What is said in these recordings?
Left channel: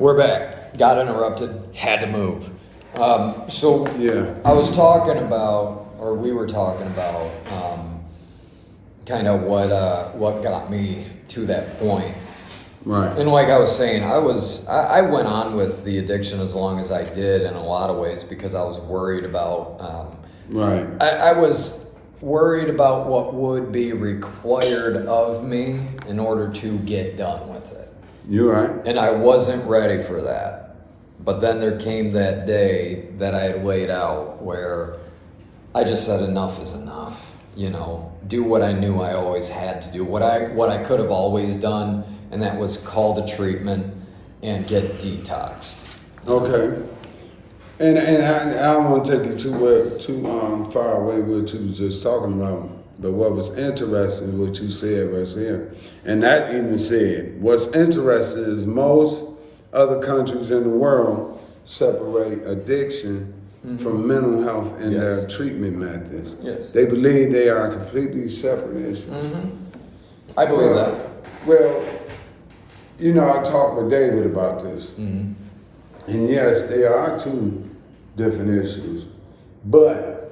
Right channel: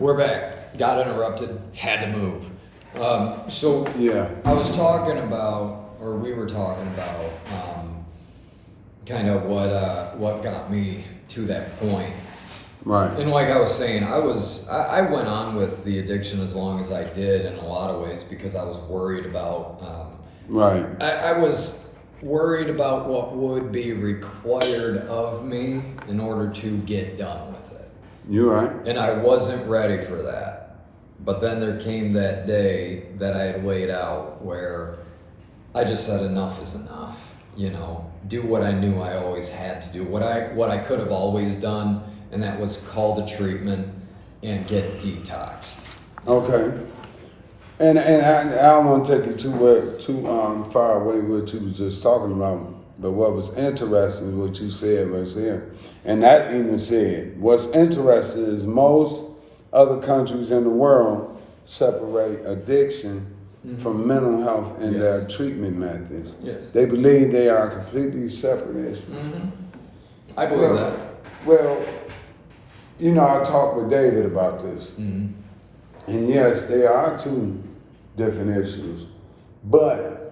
We're back. Got interrupted. Had to move. So Yeah. I was talking about, or we were talking about, kind of what got me to that point. Right. And like I was saying, I went on with the addiction as long as I did in a lot of ways because I was worried about. Right. I was worried about what would be required of me in order to get done with it. You're right. And I wasn't ready for that. But then there came that day that I had laid out where I just said enough is enough. You know, do what I knew I always had to do, what I could have always done, and that was call the treatment and get detoxed. Okay. And I don't want to take you too far away what you was just talking about. But what was interesting, what you said was here, and that even said, what's interesting is most other countries in the world separate addiction from mental health and Yes. their treatment methods. Yes. They believe they are completely separate issues. I believe that. Well, you know, I talked with David about this. And yes, there are two different issues. But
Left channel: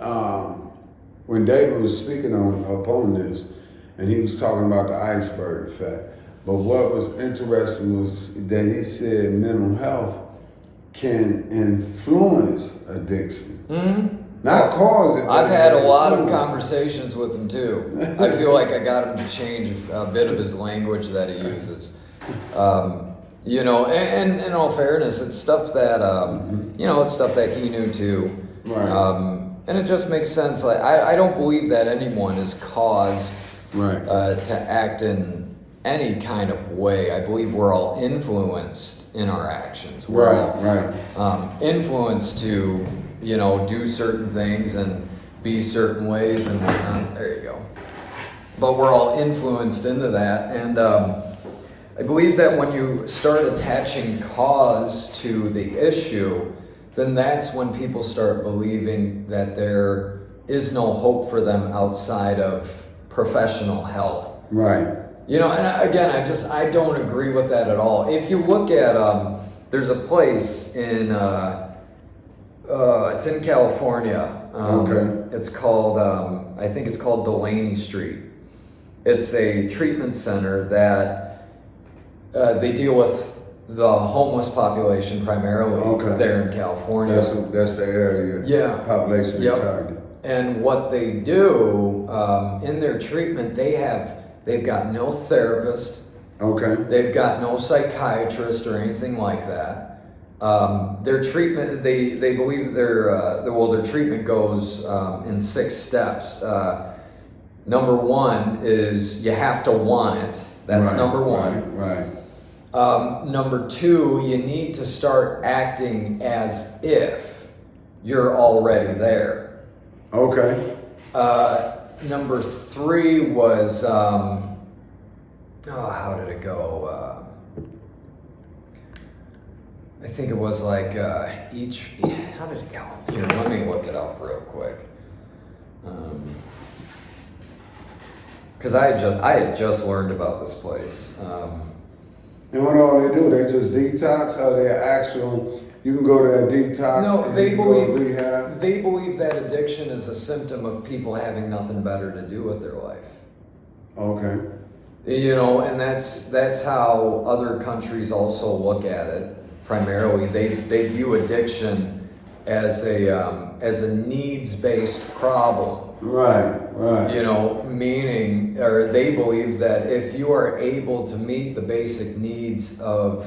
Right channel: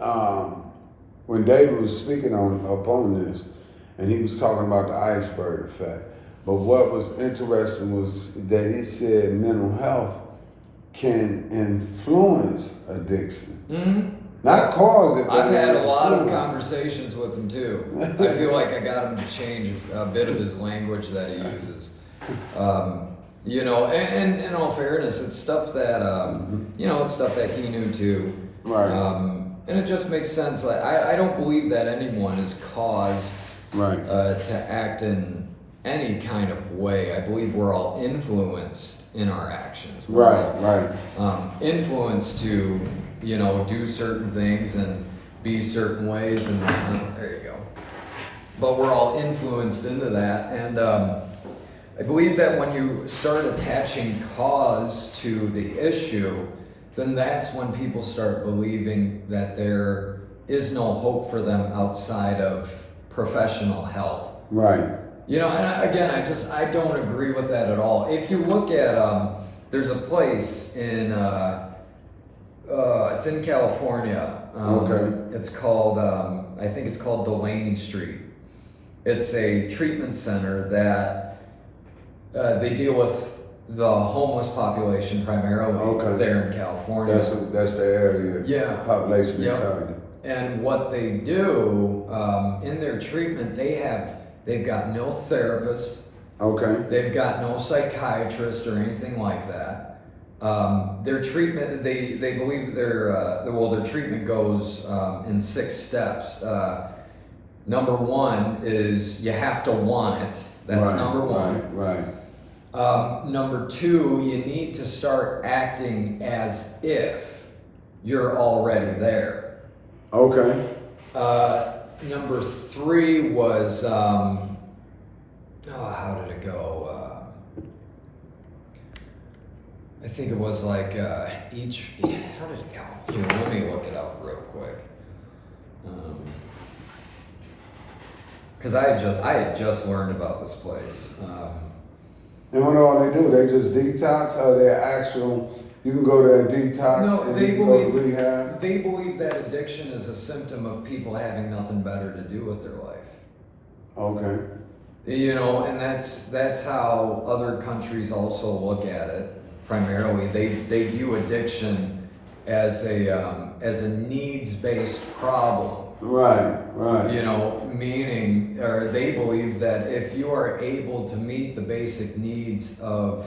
when David was speaking upon this, and he was talking about the iceberg effect, but what was interesting was that he said mental health can influence addiction. Not cause it, but I've had a lot of influence. conversations with him too. I feel like I got him to change a bit of his language that he uses. You know, and in all fairness, it's stuff that you know, it's stuff that he knew too. Right. And it just makes sense. Like I don't believe that anyone is caused Right. to act in any kind of way. I believe we're all influenced in our actions. We're Right. all, influenced to, you know, do certain things and be certain ways and whatnot. There you go. But we're all influenced into that. And I believe that when you start attaching cause to the issue, then that's when people start believing that there is no hope for them outside of professional help. Right. You know, and again, I don't agree with that at all. If you look at, there's a place in, it's in California. Okay. It's called, I think it's called Delaney Street. It's a treatment center that they deal with the homeless population primarily there in California. That's the area. Yeah. Population Yep. target. And what they do in their treatment, they've got no therapist, Okay. they've got no psychiatrist or anything like that. Their treatment, they believe their treatment goes in 6 steps. Number 1 is you have to want it. That's Right, number 1. Right. Number 2, you need to start acting as if you're already there. Okay. Number 3 was, how did it go? I think it was like how did it go? Here, let me look it up real quick. Because I had just learned about this place. And what all they do? They just detox, or they actual? You can go there and detox. No, and they you can go to believe rehab. they believe that addiction is a symptom of people having nothing better to do with their life. Okay. You know, and that's how other countries also look at it. Primarily, they view addiction as a needs-based problem. Right. You know, meaning, or they believe that if you are able to meet the basic needs of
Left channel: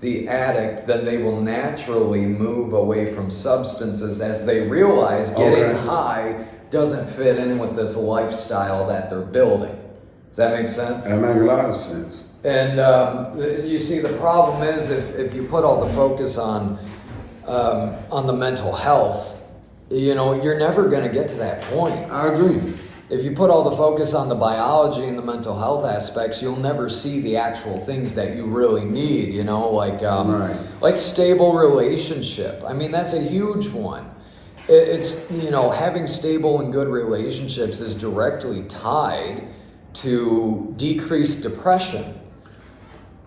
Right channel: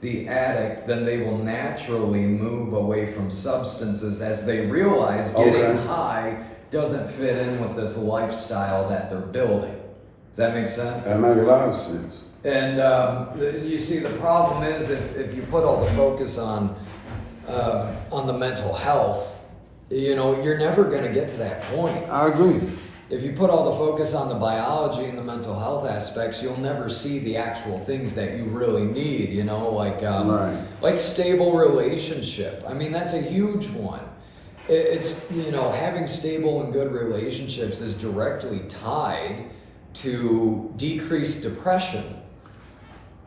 the addict, then they will naturally move away from substances as they realize getting high doesn't fit in with this lifestyle that they're building. Does that make sense? That makes a lot of sense. And you see, the problem is if you put all the focus on the mental health, you know, you're never going to get to that point. I agree. If you put all the focus on the biology and the mental health aspects, you'll never see the actual things that you really need, you know, like stable relationship. I mean, that's a huge one. It's, you know, having stable and good relationships is directly tied to decreased depression.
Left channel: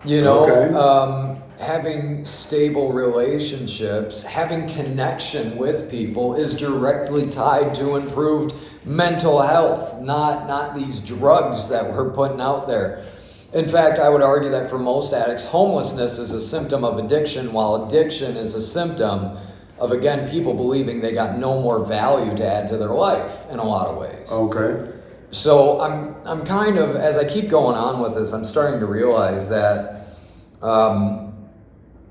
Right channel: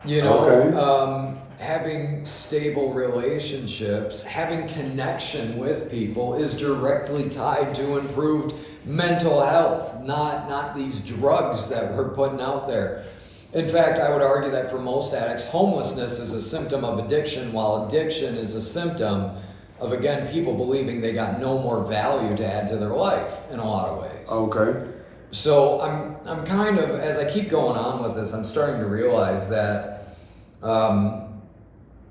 You know, having stable relationships, having connection with people is directly tied to improved mental health, not these drugs that we're putting out there. In fact, I would argue that for most addicts, homelessness is a symptom of addiction, while addiction is a symptom of, again, people believing they got no more value to add to their life in a lot of ways. Okay. So I'm kind of, as I keep going on with this, I'm starting to realize that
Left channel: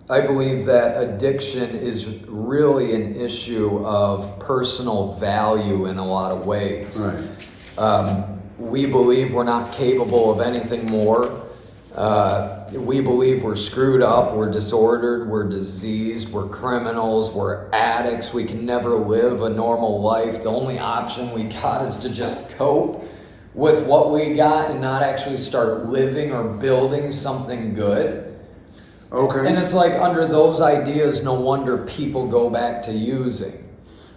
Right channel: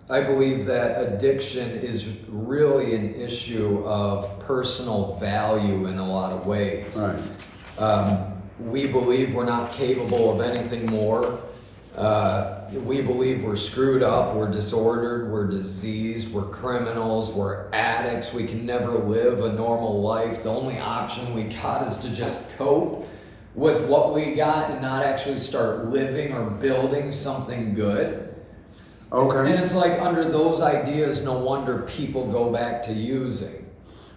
I believe that addiction is really an issue of personal value in a lot of ways. Right. We believe we're not capable of anything more. We believe we're screwed up, we're disordered, we're diseased, we're criminals, we're addicts, we can never live a normal life. The only option we got is to just cope with what we got and not actually start living or building something good. Okay. And it's like under those ideas, no wonder people go back to using.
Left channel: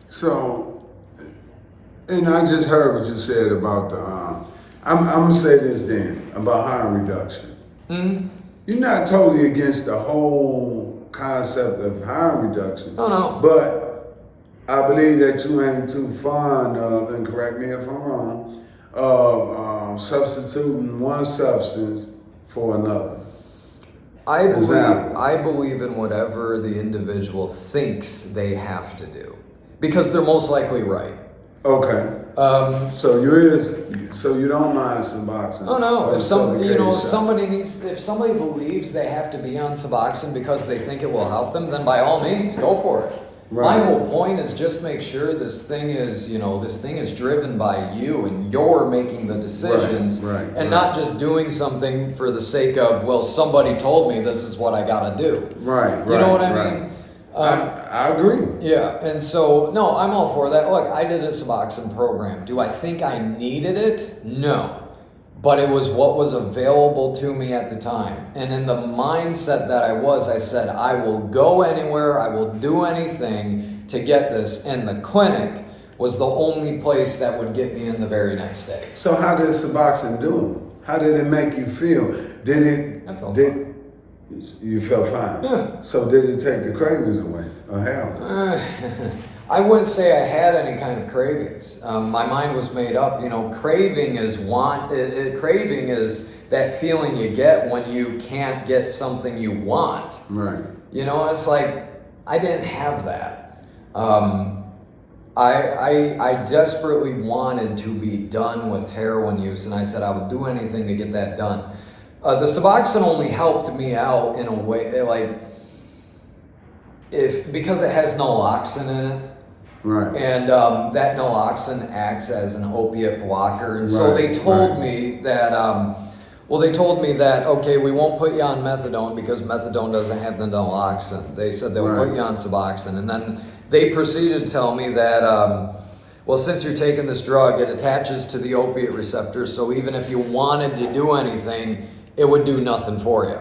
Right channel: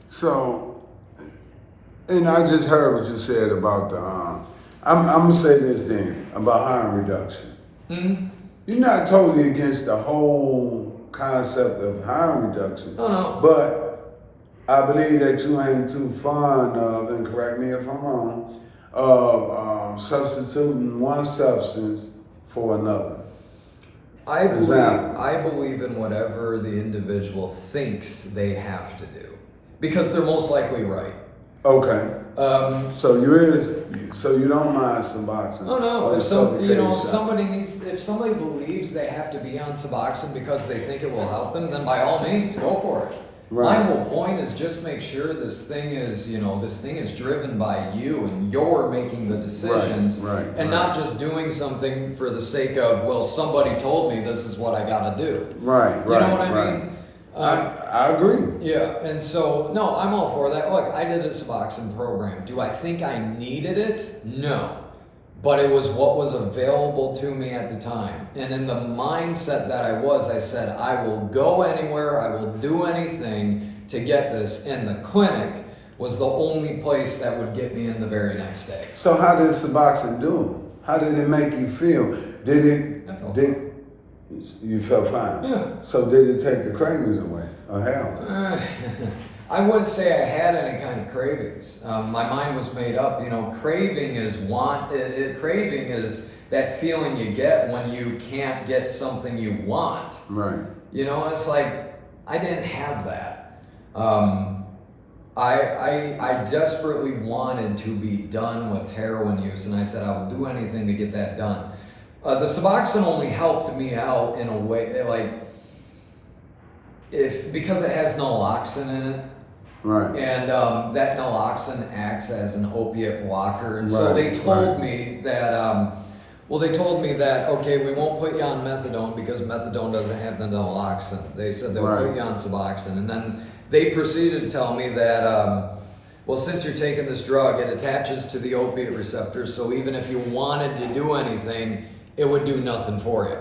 So, and I just heard what you said about the, I'm gonna say this then, about harm reduction. Mm-hmm. You're not totally against the whole concept of harm reduction. Oh, no. But I believe that you ain't too fond of, and correct me if I'm wrong, of substituting one substance for another. I Example. believe in whatever the individual thinks they have to do, because they're most likely right. Okay. So you don't mind Suboxone? Oh no! or If if shot. somebody believes they have to be on Suboxone because they think it will help them, then by all means, go for it. Right. My whole point is just make sure this thing is driven by you and you're making the decisions, and not just doing something for the sake of, well, somebody told me this is what I gotta do. Right. You know what I mean? I agree. Yeah, and so, no, I'm all for that. Look, I did a Suboxone program. Do I think I needed it? No. But it was what was available to me at the time. And in the mindset that I said, I will go anywhere, I will do anything to get this. And the clinic was the only place that would get me in the very next day. So how did Suboxone do? How did it make you feel? I felt fine. You felt fine? Yeah. So did it take the cravings away? Or hell? I wouldn't say I had any kind of cravings. My mind was made up. Craving is craving is that feeling you get when you can't get something you want. Right. It's like I didn't have that. I desperately wanted to be done with heroin use, and I said I would do anything to get that done. The Suboxone only helped me out in a way, because it has naloxone in it. Right. And that naloxone acts as an opiate blocker. And so they told me that, okay, we won't put you on methadone because methadone doesn't have the naloxone. They said they'll put you on Suboxone. And then they proceeded to tell me that, since you're taking this drug, it attaches to the opiate receptor. So even if you wanted to do anything, it would do nothing for you.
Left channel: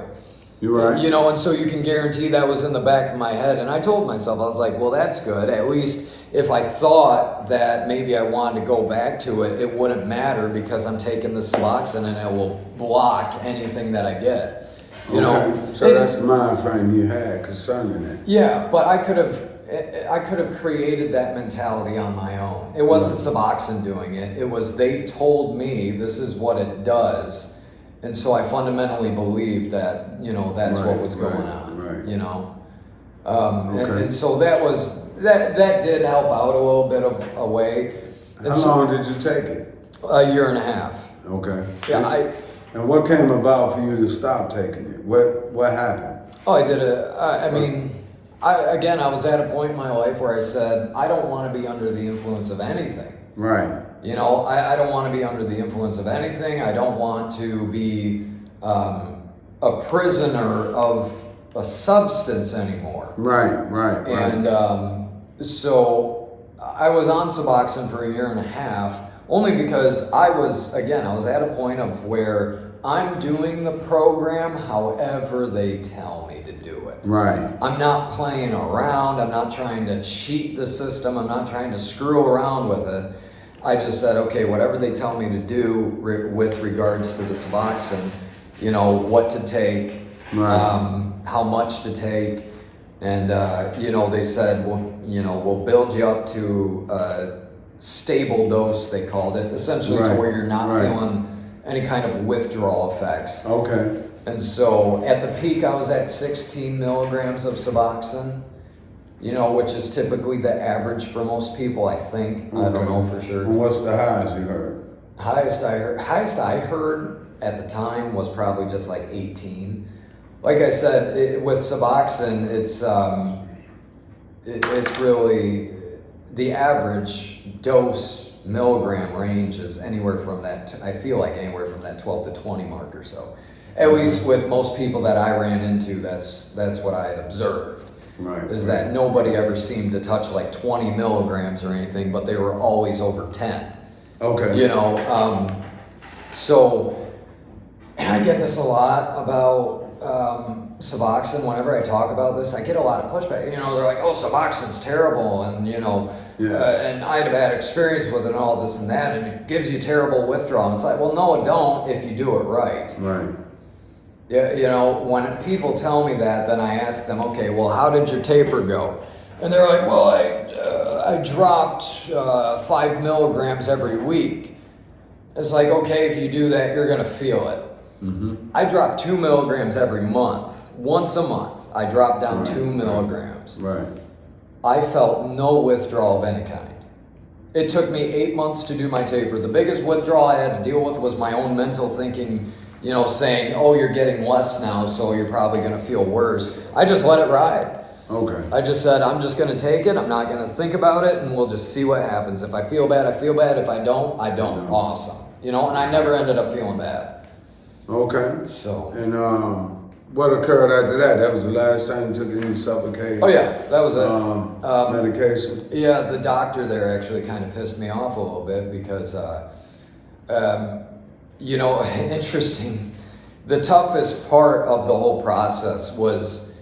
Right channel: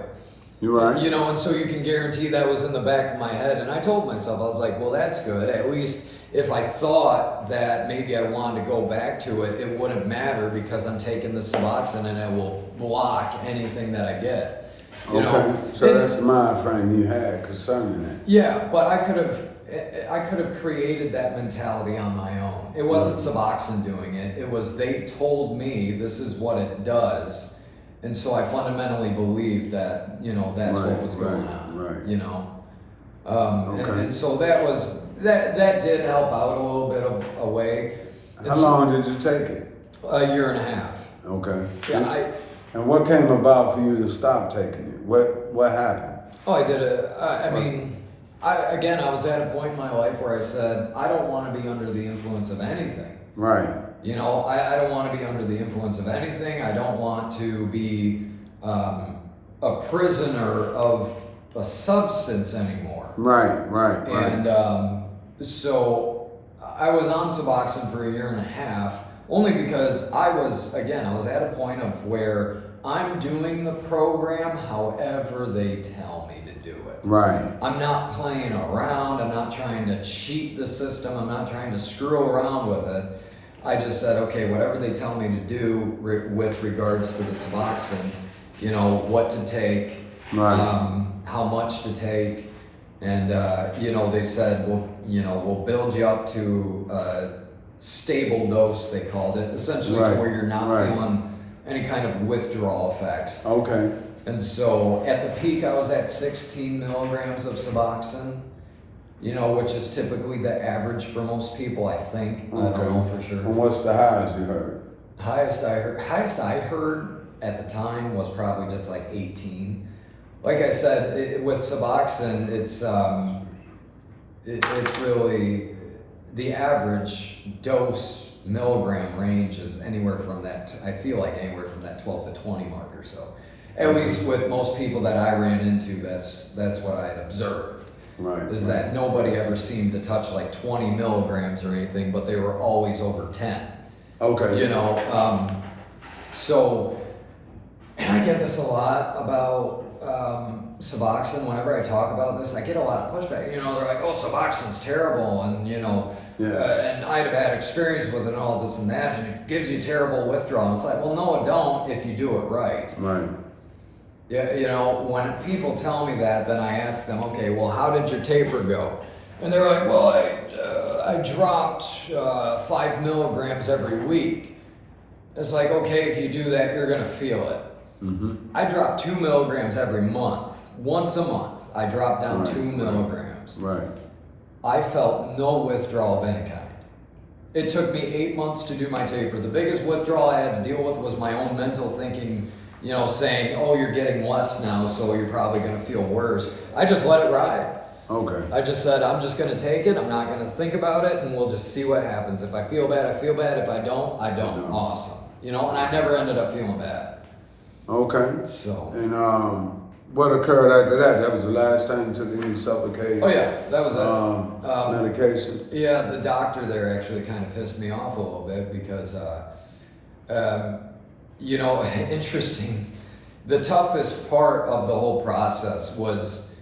You're right. And so you can guarantee that was in the back of my head. And I told myself, I was like, well, that's good. At least if I thought that maybe I wanted to go back to it, it wouldn't matter because I'm taking the Suboxone and it will block anything that I get. So that's the mind frame you had concerning it. Yeah, but I could have created that mentality on my own. It wasn't Suboxone doing it. It was they told me this is what it does. And so I fundamentally believed that, that's what was going on. Right. And so that did help out a little bit of a way. How long did you take it? A year and a half. Okay. Yeah, and what came about for you to stop taking it? What happened? I did it. I was at a point in my life where I said, I don't want to be under the influence of anything. Right. I don't want to be under the influence of anything. I don't want to be a prisoner of a substance anymore. Right. And so I was on Suboxone for a year and a half, only because I was at a point of where I'm doing the program however they tell me to do it. Right. I'm not playing around. I'm not trying to cheat the system. I'm not trying to screw around with it. I just said, okay, whatever they tell me to do with regards to the Suboxone, what to take. Right. how much to take, and you know, they said we'll build you up to a stable dose, they called it, essentially to Right, where you're not right. feeling any kind of withdrawal effects. Okay. And so at the peak, I was at 16 milligrams of Suboxone, you know, which is typically the average for most people, I think. I don't know for sure. And what's the highest you heard? Highest I heard at the time was probably just like 18. Like I said, with Suboxone, it's really the average dose milligram range is anywhere from that. I feel like anywhere from that 12 to 20 mark or so. At least with most people that I ran into, that's what I had observed. Right. Is that nobody ever seemed to touch like 20 milligrams or anything, but they were always over 10. Okay. You know, so, and I get this a lot about Suboxone. Whenever I talk about this, I get a lot of pushback. You know, they're like, "Oh, Suboxone's terrible," and you know, and I had a bad experience with it, and all this and that, and it gives you terrible withdrawal. And it's like, well, no, it don't if you do it right. Right. Yeah, you know, when people tell me that, then I ask them, okay, well, how did your taper go? And they're like, well, I dropped 5 milligrams every week. It's like, okay, if you do that, you're going to feel it. Mm-hmm. I dropped 2 milligrams every month. Once a month, I dropped down Right, 2 milligrams. Right. I felt no withdrawal of any kind. It took me 8 months to do my taper. The biggest withdrawal I had to deal with was my own mental thinking, you know, saying, oh, you're getting less now, so you're probably going to feel worse. I just let it ride. Okay. I just said, I'm just going to take it. I'm not going to think about it, and we'll just see what happens. If I feel bad, I feel bad. If I don't, I don't. Awesome. You know, and I never ended up feeling bad. Okay. So. And what occurred after that? That was the last time you took any Sublocade? Oh, yeah. That was it. Medication? Yeah, the doctor there actually kind of pissed me off a little bit because, you know, interesting. The toughest part of the whole process was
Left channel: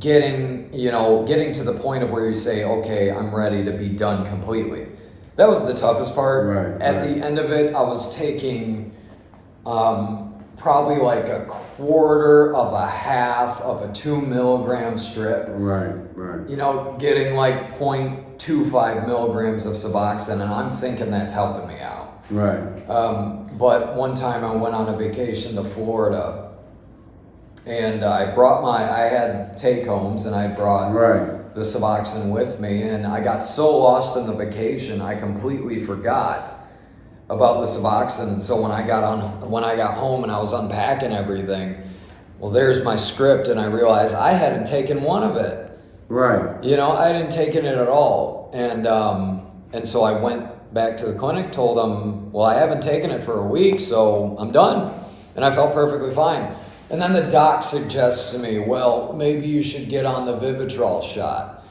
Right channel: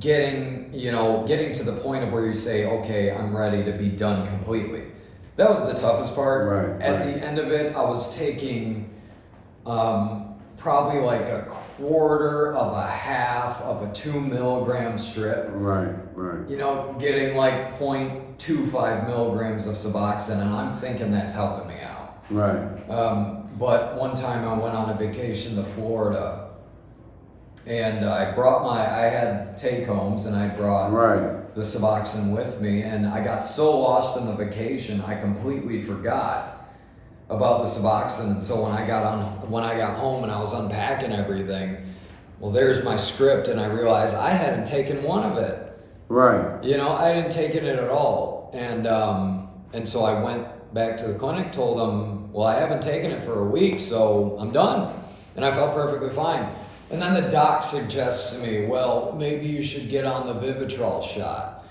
getting to the point of where you say, okay, I'm ready to be done completely. That was the toughest part. Right. At the end of it, I was taking probably like a quarter of a half of a 2 milligram strip. Right, right. You know, getting like 0.25 milligrams of Suboxone, and I'm thinking that's helping me out. Right. But one time I went on a vacation to Florida, and I had take-homes, and I brought Right. the Suboxone with me, and I got so lost in the vacation, I completely forgot about the Suboxone. And so when I got home and I was unpacking everything, well, there's my script, and I realized I hadn't taken one of it. Right. You know, I hadn't taken it at all, and so I went back to the clinic, told them, well, I haven't taken it for a week, so I'm done. And I felt perfectly fine. And then the doc suggests to me, well, maybe you should get on the Vivitrol shot.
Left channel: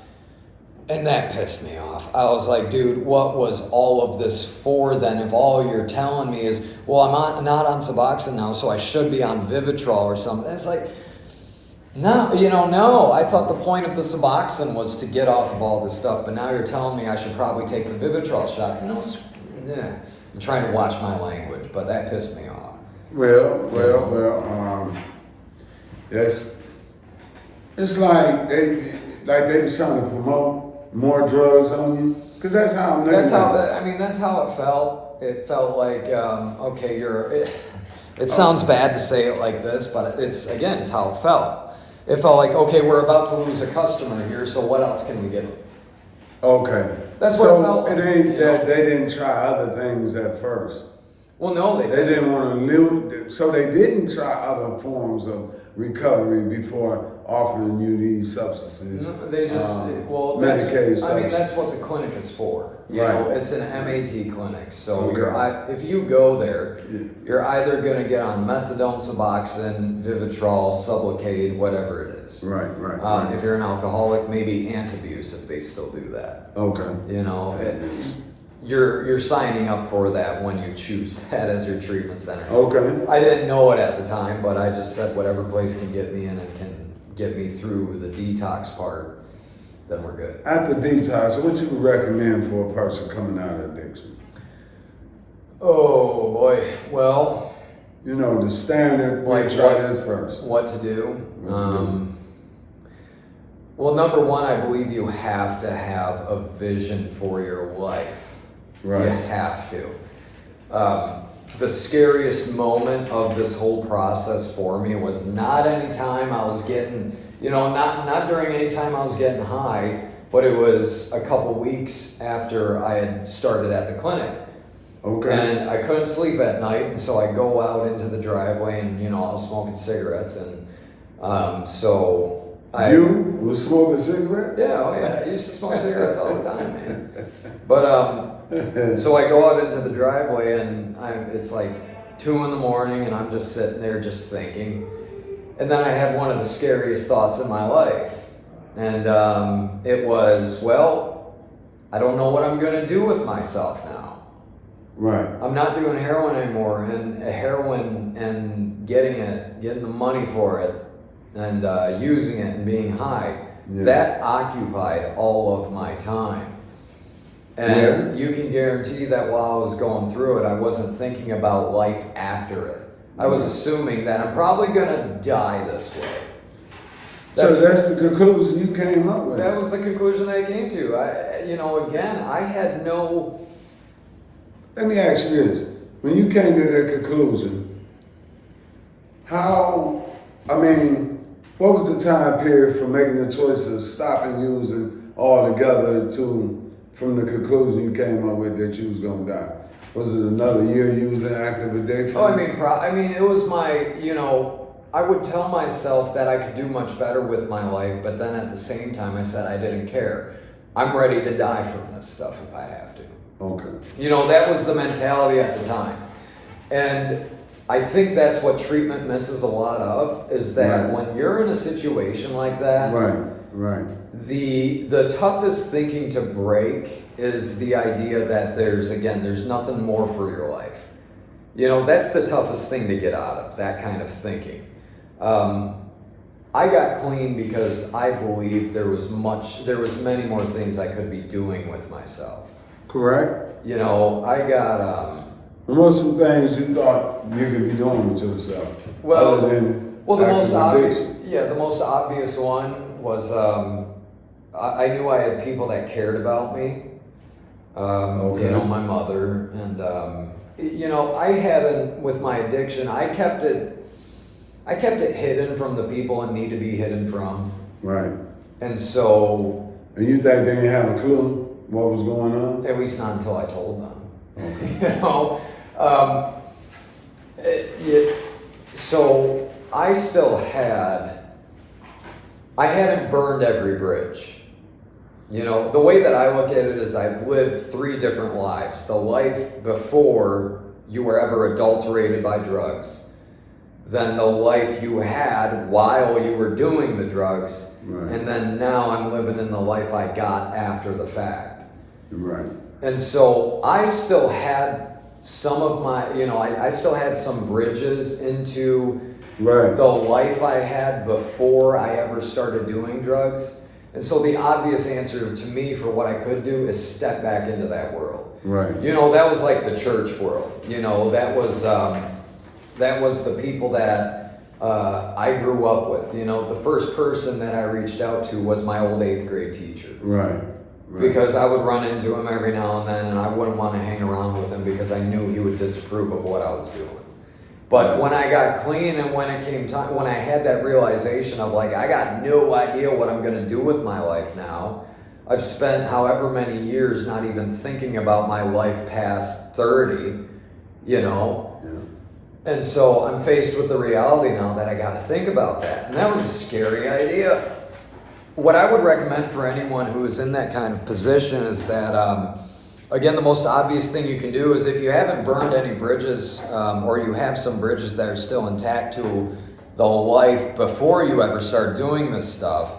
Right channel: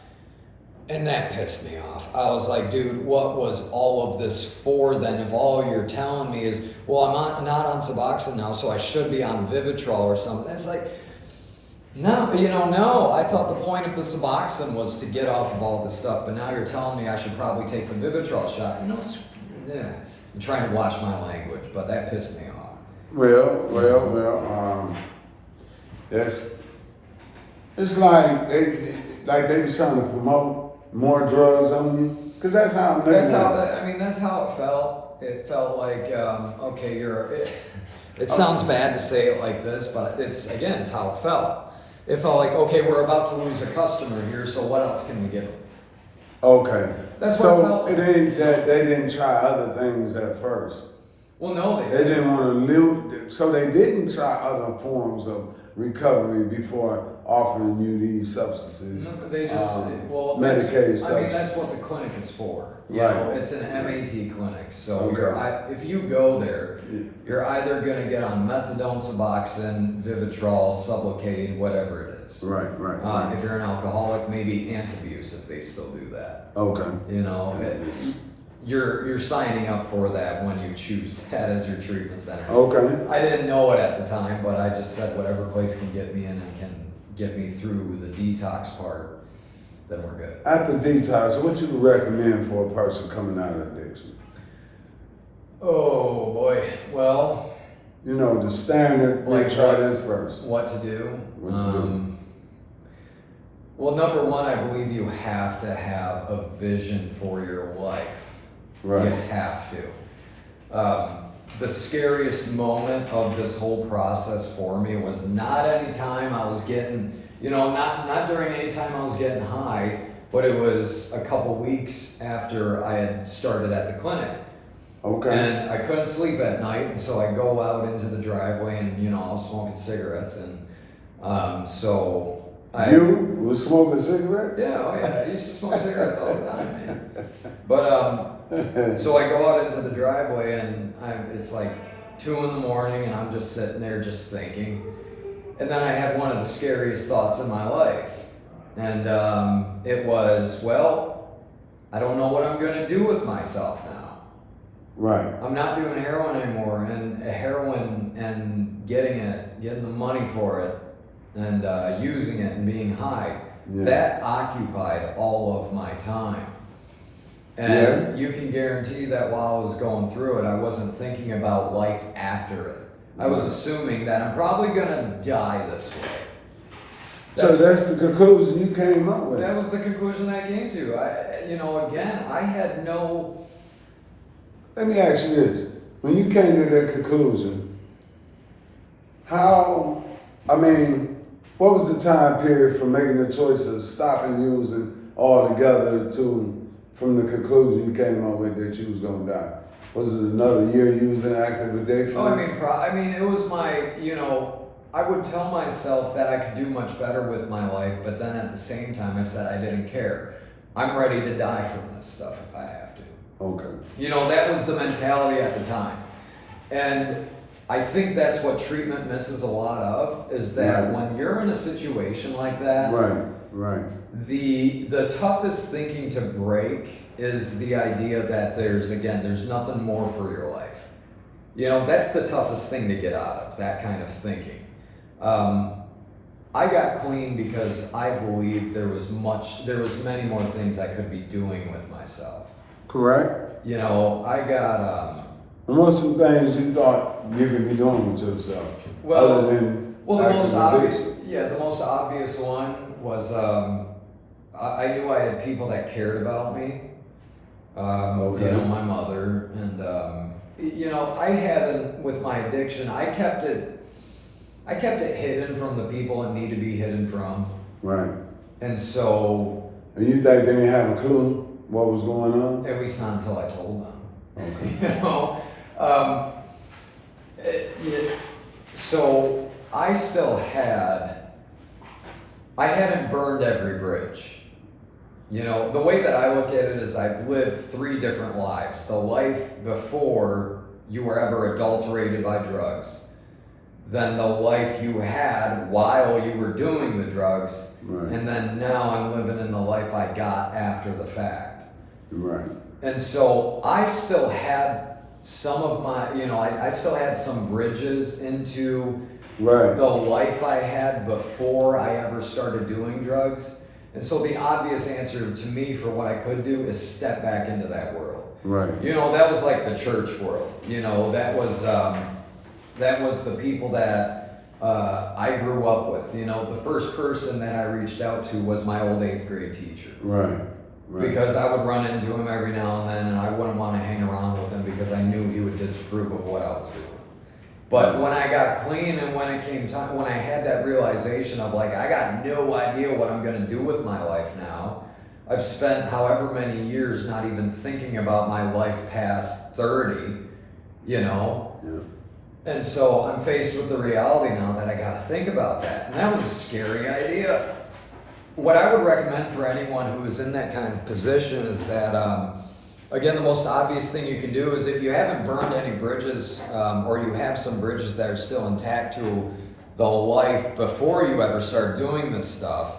And that pissed me off. I was like, dude, what was all of this for then? If all you're telling me is, well, I'm not on Suboxone now, so I should be on Vivitrol or something. It's like, no. I thought the point of the Suboxone was to get off of all this stuff, but now you're telling me I should probably take the Vivitrol shot. You know, I'm trying to watch my language, but that pissed me off. Well. It's like they was trying to promote more drugs on you, because that's how I'm looking at it. That's how it felt. It felt like, okay, it sounds bad to say it like this, but it's how it felt. It felt like, okay, we're about to lose a customer here, so what else can we give them? Okay. That's so what it felt like. It ain't that they didn't try other things at first. Well, no, they They didn't want to lose, so they didn't try other forms of recovery before offering you these substances. No, they just Medicaid substances. That's what the clinic is for. You Right. know, it's an MAT clinic. So Okay. if you go there, you're either going to get on methadone, Suboxone, Vivitrol, Sublocade, whatever it is. Right. If you're an alcoholic, maybe Antabuse if they still do that. Okay. You know, you're signing up for that when you choose that as your treatment center. Okay. I didn't know it at the time, but I just said whatever place can get me in and can get me through the detox part, then we're good. After detox, what you would recommend for a person coming out of addiction? Oh boy, well, the standard, we Like try what- this first. What to do? What to do. Well, number one, I believe you have to have a vision for your life. Right. You have to. The scariest moment of this whole process for me was not any time I was getting, not during any time I was getting high, but it was a couple weeks after I had started at the clinic. Okay. And I couldn't sleep at night, and so I go out into the driveway, and I was smoking cigarettes, and so I. You was smoking cigarettes? Yeah, oh yeah, I used to smoke cigarettes all the time, man. But so I go out into the driveway, and it's like 2 a.m, and I'm just sitting there just thinking, and then I had one of the scariest thoughts in my life, and it was, well, I don't know what I'm gonna do with myself now. Right. I'm not doing heroin anymore, and heroin and getting the money for it, and using it and being high, Yeah. that occupied all of my time. And Yeah. you can guarantee that while I was going through it, I wasn't thinking about life after it. I was assuming that I'm probably gonna die this way. So that's the conclusion you came up with. That was the conclusion I came to. I had no. Let me ask you this. When you came to that conclusion, what was the time period from making the choice of stopping using altogether to from the conclusion you came up with that you was gonna die? Was it another year using active addiction? Oh, it was my, I would tell myself that I could do much better with my life, but then at the same time I said I didn't care. I'm ready to die from this stuff if I have to. Okay. That was the mentality at the time. And I think that's what treatment misses a lot of, is that Right. when you're in a situation like that, Right. the toughest thinking to break is the idea that there's nothing more for your life. That's the toughest thing to get out of, that kind of thinking. I got clean because I believed there was many more things I could be doing with myself. Correct. I got And what's some things you thought you could be doing with yourself? Well- other than the most obvious. addiction? Yeah, the most obvious one was I knew I had people that cared about me. Okay. My mother, and I had with my addiction. I kept it hidden from the it need to be hidden from, Right. and so And you think they didn't have a clue what was going on? at least not until I told them. Okay. So I still I hadn't burned every bridge. The way that I look at it is I've lived 3 different lives. The life before you were ever adulterated by drugs, then the life you had while you were doing the drugs, Right. and then now I'm living in the life I got after the fact. Right. And so I still had some of my, I still had some bridges into Right. the life I had before I ever started doing drugs. And so the obvious answer to me for what I could do is step back into that world. Right. That was like the church world. That was the people that I grew up with. The first person that I reached out to was my old 8th grade teacher. Right. Right. Because I would run into him every now and then, and I wouldn't want to hang around with him because I knew he would disapprove of what I was doing. But when I got clean and when it came time, when I had that realization of I got no idea what I'm going to do with my life now. I've spent however many years not even thinking about my life past 30, Yeah. And so I'm faced with the reality now that I got to think about that. And that was a scary idea. What I would recommend for anyone who is in that kind of position is that, again, the most obvious thing you can do is if you haven't burned any bridges, or you have some bridges that are still intact to the life before you ever start doing this stuff,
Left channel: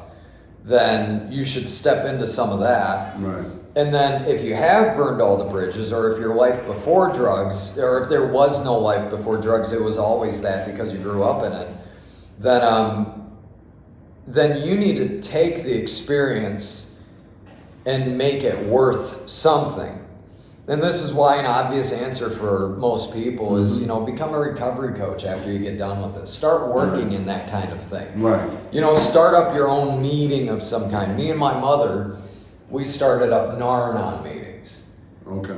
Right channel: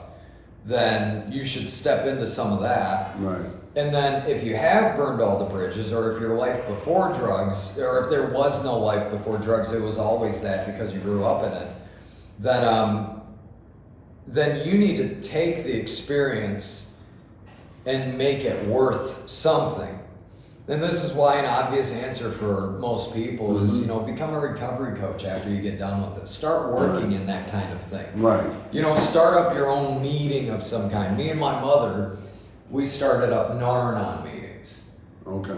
then you should step into some of that. Right. And then if you have burned all the bridges, or if your life before drugs, or if there was no life before drugs, it was always that because you grew up in it, then you need to take the experience and make it worth something. And this is why an obvious answer for most people is, become a recovery coach after you get done with this. Start working in that kind of thing. Right. Start up your own meeting of some kind. Me and my mother, we started up Nar-Anon meetings. Okay.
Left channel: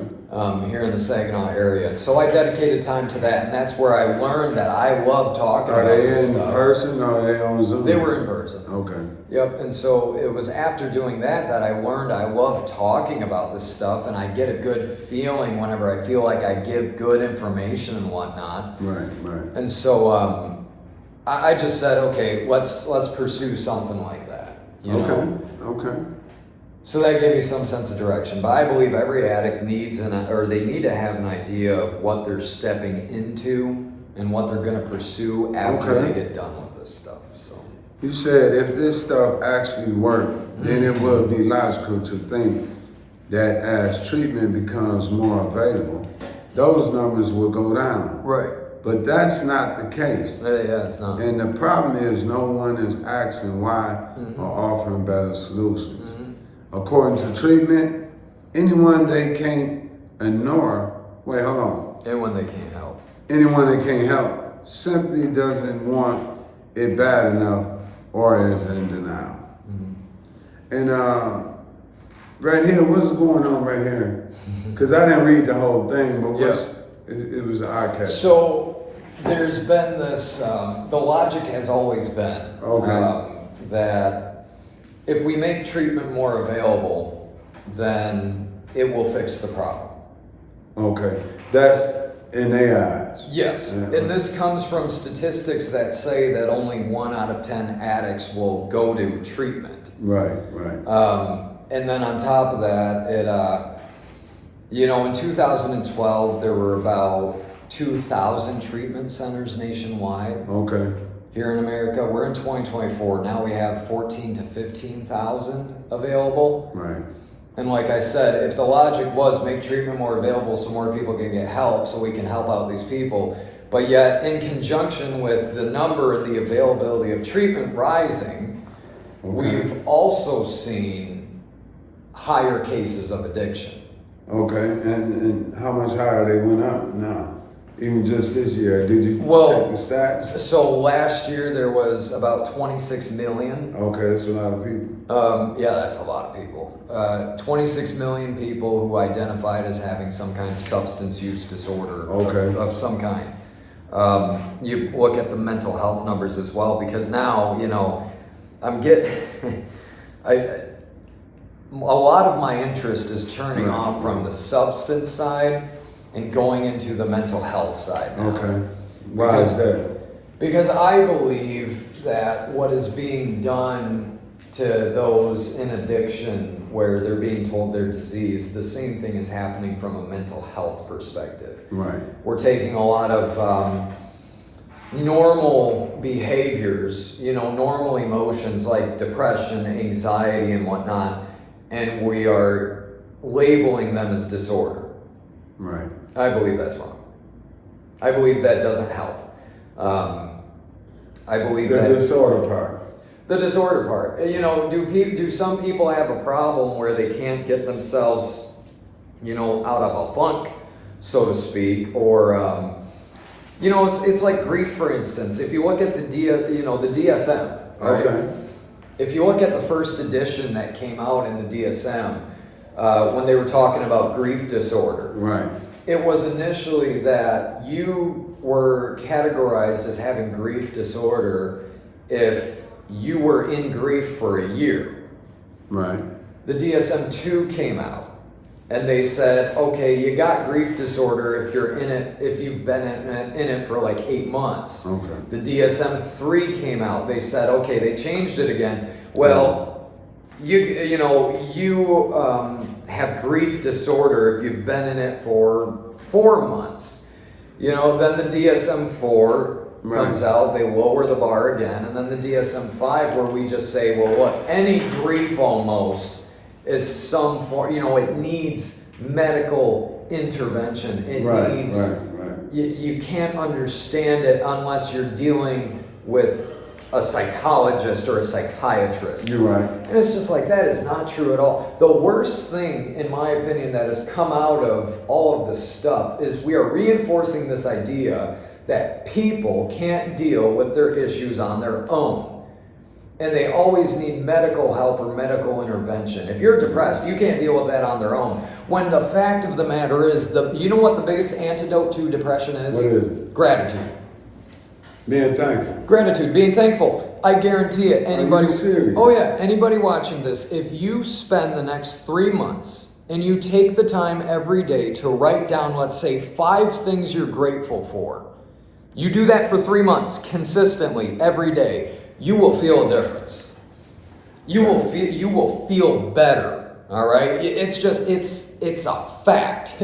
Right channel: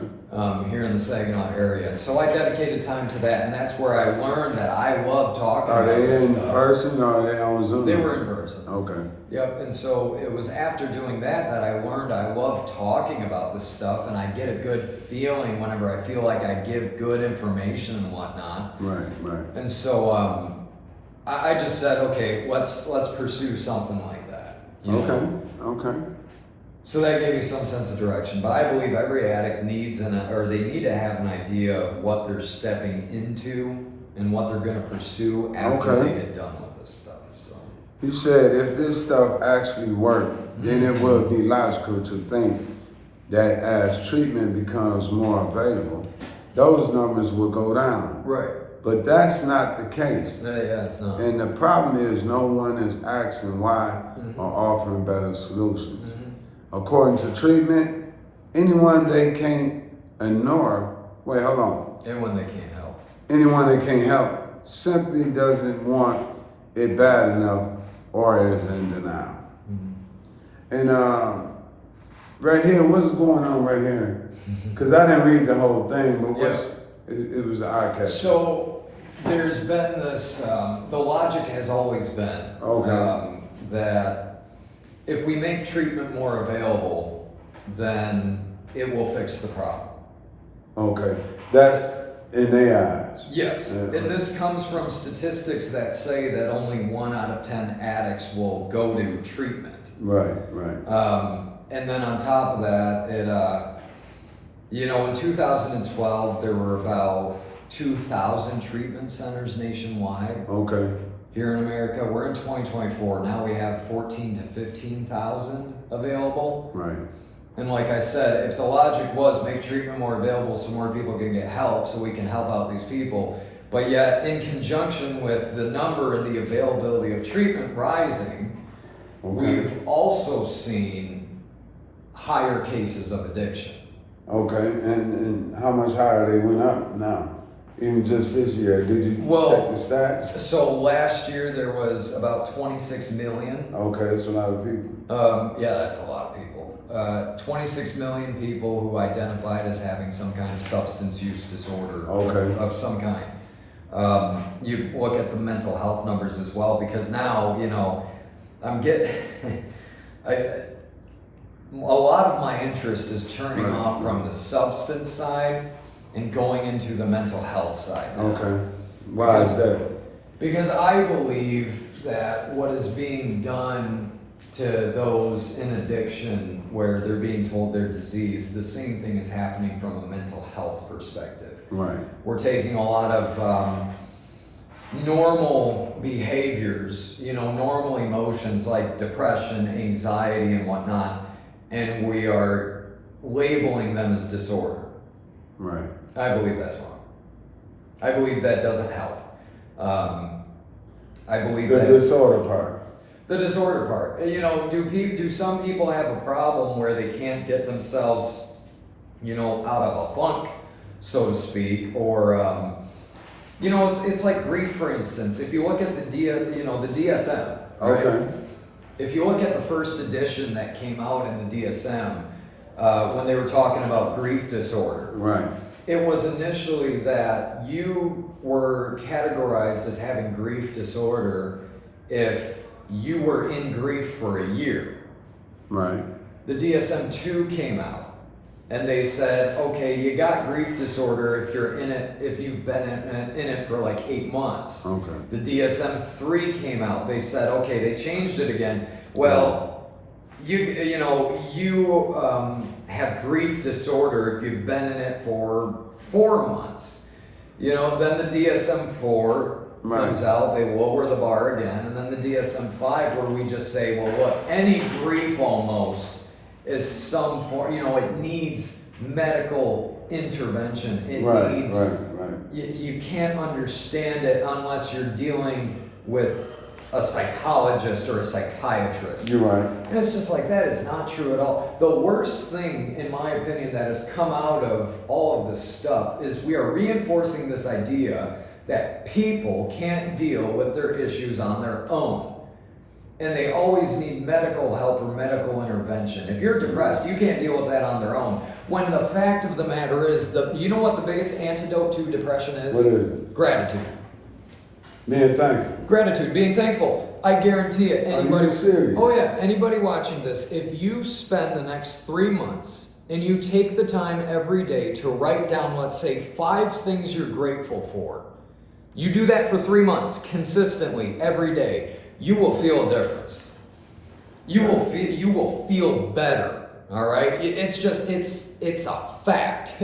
Here in the Saginaw area. And so I dedicated time to that, and that's where I learned that I love talking about this stuff. Are they in person or are they on Zoom? They were in person. Okay. Yep, and so it was after doing that I learned I love talking about this stuff, and I get a good feeling whenever I feel like I give good information and whatnot. Right, right. And so I just said, okay, let's pursue something like that. Okay. So that gave me some sense of direction. But I believe every addict needs they need to have an idea of what they're stepping into and what they're going to pursue after they get done with this stuff. So you said if this stuff actually worked, then it would be logical to think that as treatment becomes more available, those numbers will go down. Right. But that's not the case. Yeah, it's not. And the problem is no one is asking why or offering better solutions. According to treatment, anyone they can't ignore, hold on. Anyone they can't help. Anyone that can't help simply doesn't want it bad enough or is in denial. And right here, what's going on right here? Because I didn't read the whole thing, but it was an eye catcher. So there's been this, the logic has always been that if we make treatment more available, then it will fix the problem. Okay, that's in their eyes. Yes, and this comes from statistics that say that only 1 out of 10 addicts will go to treatment. Right. And then on top of that, in 2012, there were about 2,000 treatment centers nationwide. Okay. Here in America, we're in 2024. Now we have 14 to 15,000 available. Right. And like I said, if the logic was make treatment more available so more people can get help, so we can help out these people, but yet in conjunction with the number and the availability of treatment rising, we've also seen higher cases of addiction. Okay, and how much higher they went up now? Even just this year, did you check the stats? So last year there was about 26 million. Okay, that's a lot of people. Yeah, that's a lot of people. 26 million people who identified as having some kind of substance use disorder of some kind. You look at the mental health numbers as well, because now, I'm getting... a lot of my interest is turning off from the substance side and going into the mental health side now. Okay. Why is that? Because I believe that what is being done to those in addiction, where they're being told they're diseased, the same thing is happening from a mental health perspective. Right. We're taking a lot of normal behaviors, normal emotions like depression, anxiety, and whatnot, and we are labeling them as disorder. Right. I believe that's wrong. I believe that doesn't help. I believe the disorder part. The disorder part. Do some people have a problem where they can't get themselves, out of a funk, so to speak, or it's like grief, for instance. If you look at the DSM. Right? Okay. If you look at the first edition that came out in the DSM, when they were talking about grief disorder. Right. It was initially that you were categorized as having grief disorder if you were in grief for a year. Right. The DSM-2 came out, and they said, okay, you got grief disorder if you're in it, if you've been in it for like 8 months. Okay. The DSM-3 came out. They said, okay, they changed it again. Well, you have grief disorder if you've been in it for 4 months. Then the DSM-4 comes out, they lower the bar again, and then the DSM-5 where we just say, well, look, any grief almost is some form, it needs medical intervention. It needs, you can't understand it unless you're dealing with a psychologist or a psychiatrist. You're right. And it's just like, that is not true at all. The worst thing, in my opinion, that has come out of all of this stuff is we are reinforcing this idea that people can't deal with their issues on their own. And they always need medical help or medical intervention. If you're depressed, you can't deal with that on their own. When the fact of the matter is, you know what the biggest antidote to depression is? What is it? Gratitude. Being thankful. Gratitude, being thankful. I guarantee it. Anybody, Are you serious? Oh yeah, anybody watching this, if you spend the next 3 months and you take the time every day to write down, let's say, 5 things you're grateful for, you do that for 3 months consistently every day, you will feel a difference. You will feel better. All right? It's a fact.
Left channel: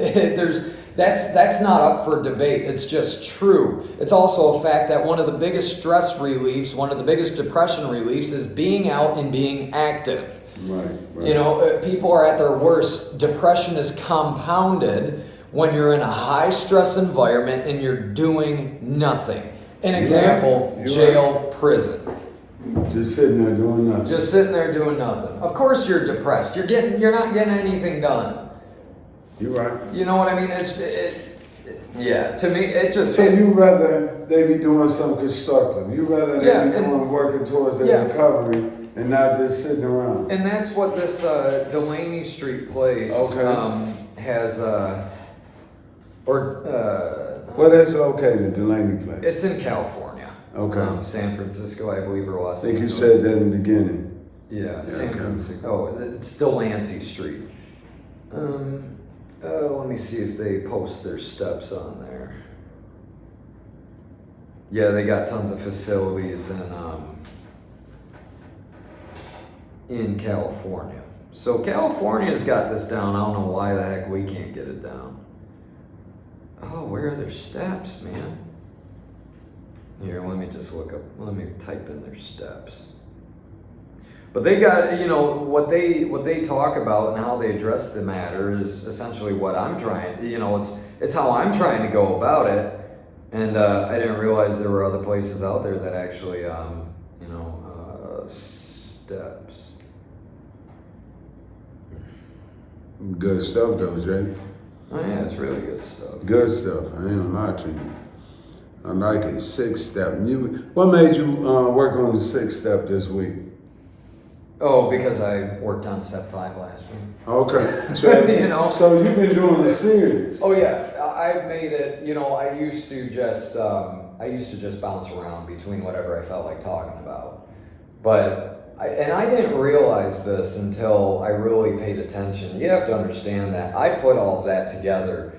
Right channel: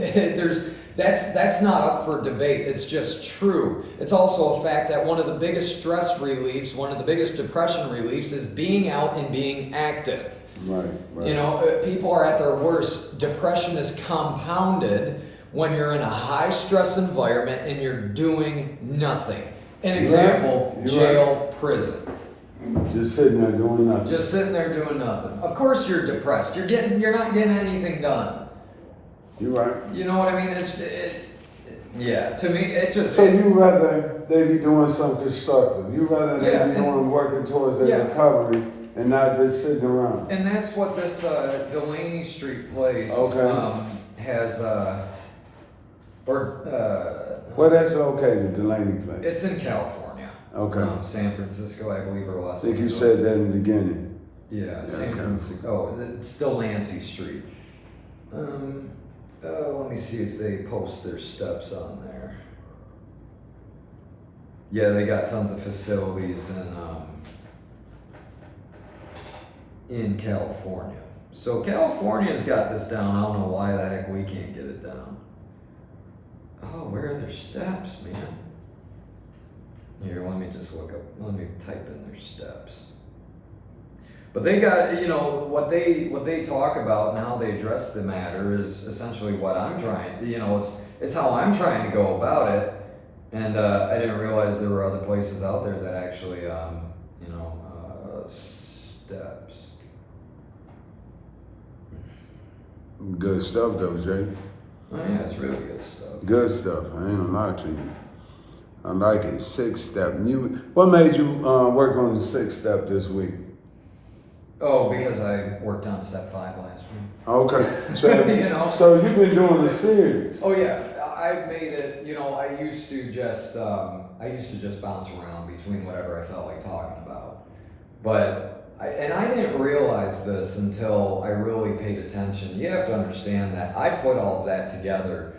That's not up for debate. It's just true. It's also a fact that one of the biggest stress reliefs, one of the biggest depression reliefs is being out and being active. Right. You know, people are at their worst. Depression is compounded when you're in a high stress environment and you're doing nothing. An example, You're jail, prison. Just sitting there doing nothing. Just sitting there doing nothing. Of course you're depressed. You're not getting anything done. You're right. You know what I mean? Yeah, to me, it just... So you rather they be doing something constructive. You rather they Yeah, be doing working towards their recovery and not just sitting around. And that's what this Delaney Street place has... Where that's located, Delaney Place? It's in California. Okay. San Francisco, I believe, or Los Angeles. I think you said that in the beginning. Yeah, San okay. Francisco. Oh, it's Delancey Street. Let me see if they post their steps on there. Yeah, they got tons of facilities in California. So California's got this down. I don't know why the heck we can't get it down. Oh, where are their steps, man? Here, let me just look up. Let me type in their steps. But they got, you know, what they talk about and how they address the matter is essentially what I'm trying. You know, it's how I'm trying to go about it. And I didn't realize there were other places out there that actually, steps. Good stuff though, Jay. Oh yeah, it's really good stuff. Good stuff. I ain't gonna lie to you. I like it. 6-step. What made you work on the 6-step this week? Oh, because I worked on step 5 last week. Okay. So, so you've been doing the series. Oh yeah, I've made it. You know, I used to just bounce around between whatever I felt like talking about, but I didn't realize this until I really paid attention. You have to understand that I put all of that together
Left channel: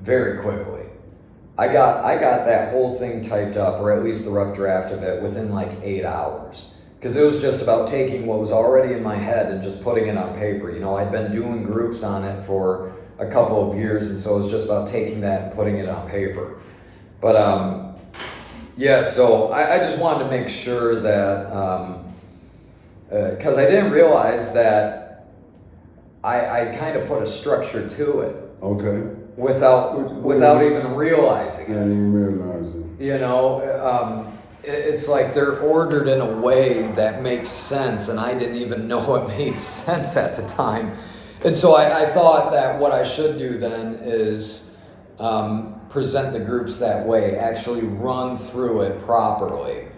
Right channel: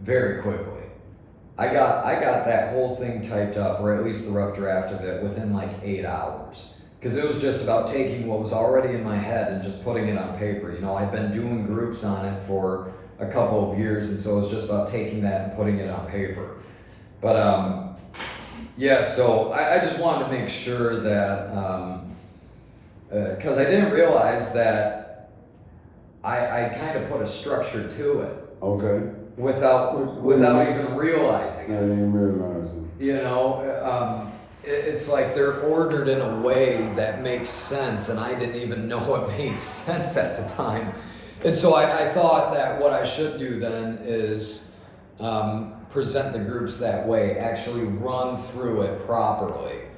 very quickly. I got that whole thing typed up, or at least the rough draft of it, within like 8 hours. Because it was just about taking what was already in my head and just putting it on paper. You know, I'd been doing groups on it for a couple of years, and so it was just about taking that and putting it on paper. But, yeah, so I just wanted to make sure that, because I didn't realize that I kind of put a structure to it. Okay. Without even realizing it. I didn't even realize it. You know, it's like they're ordered in a way that makes sense, and I didn't even know it made sense at the time. And so I thought that what I should do then is present the groups that way, actually run through it properly,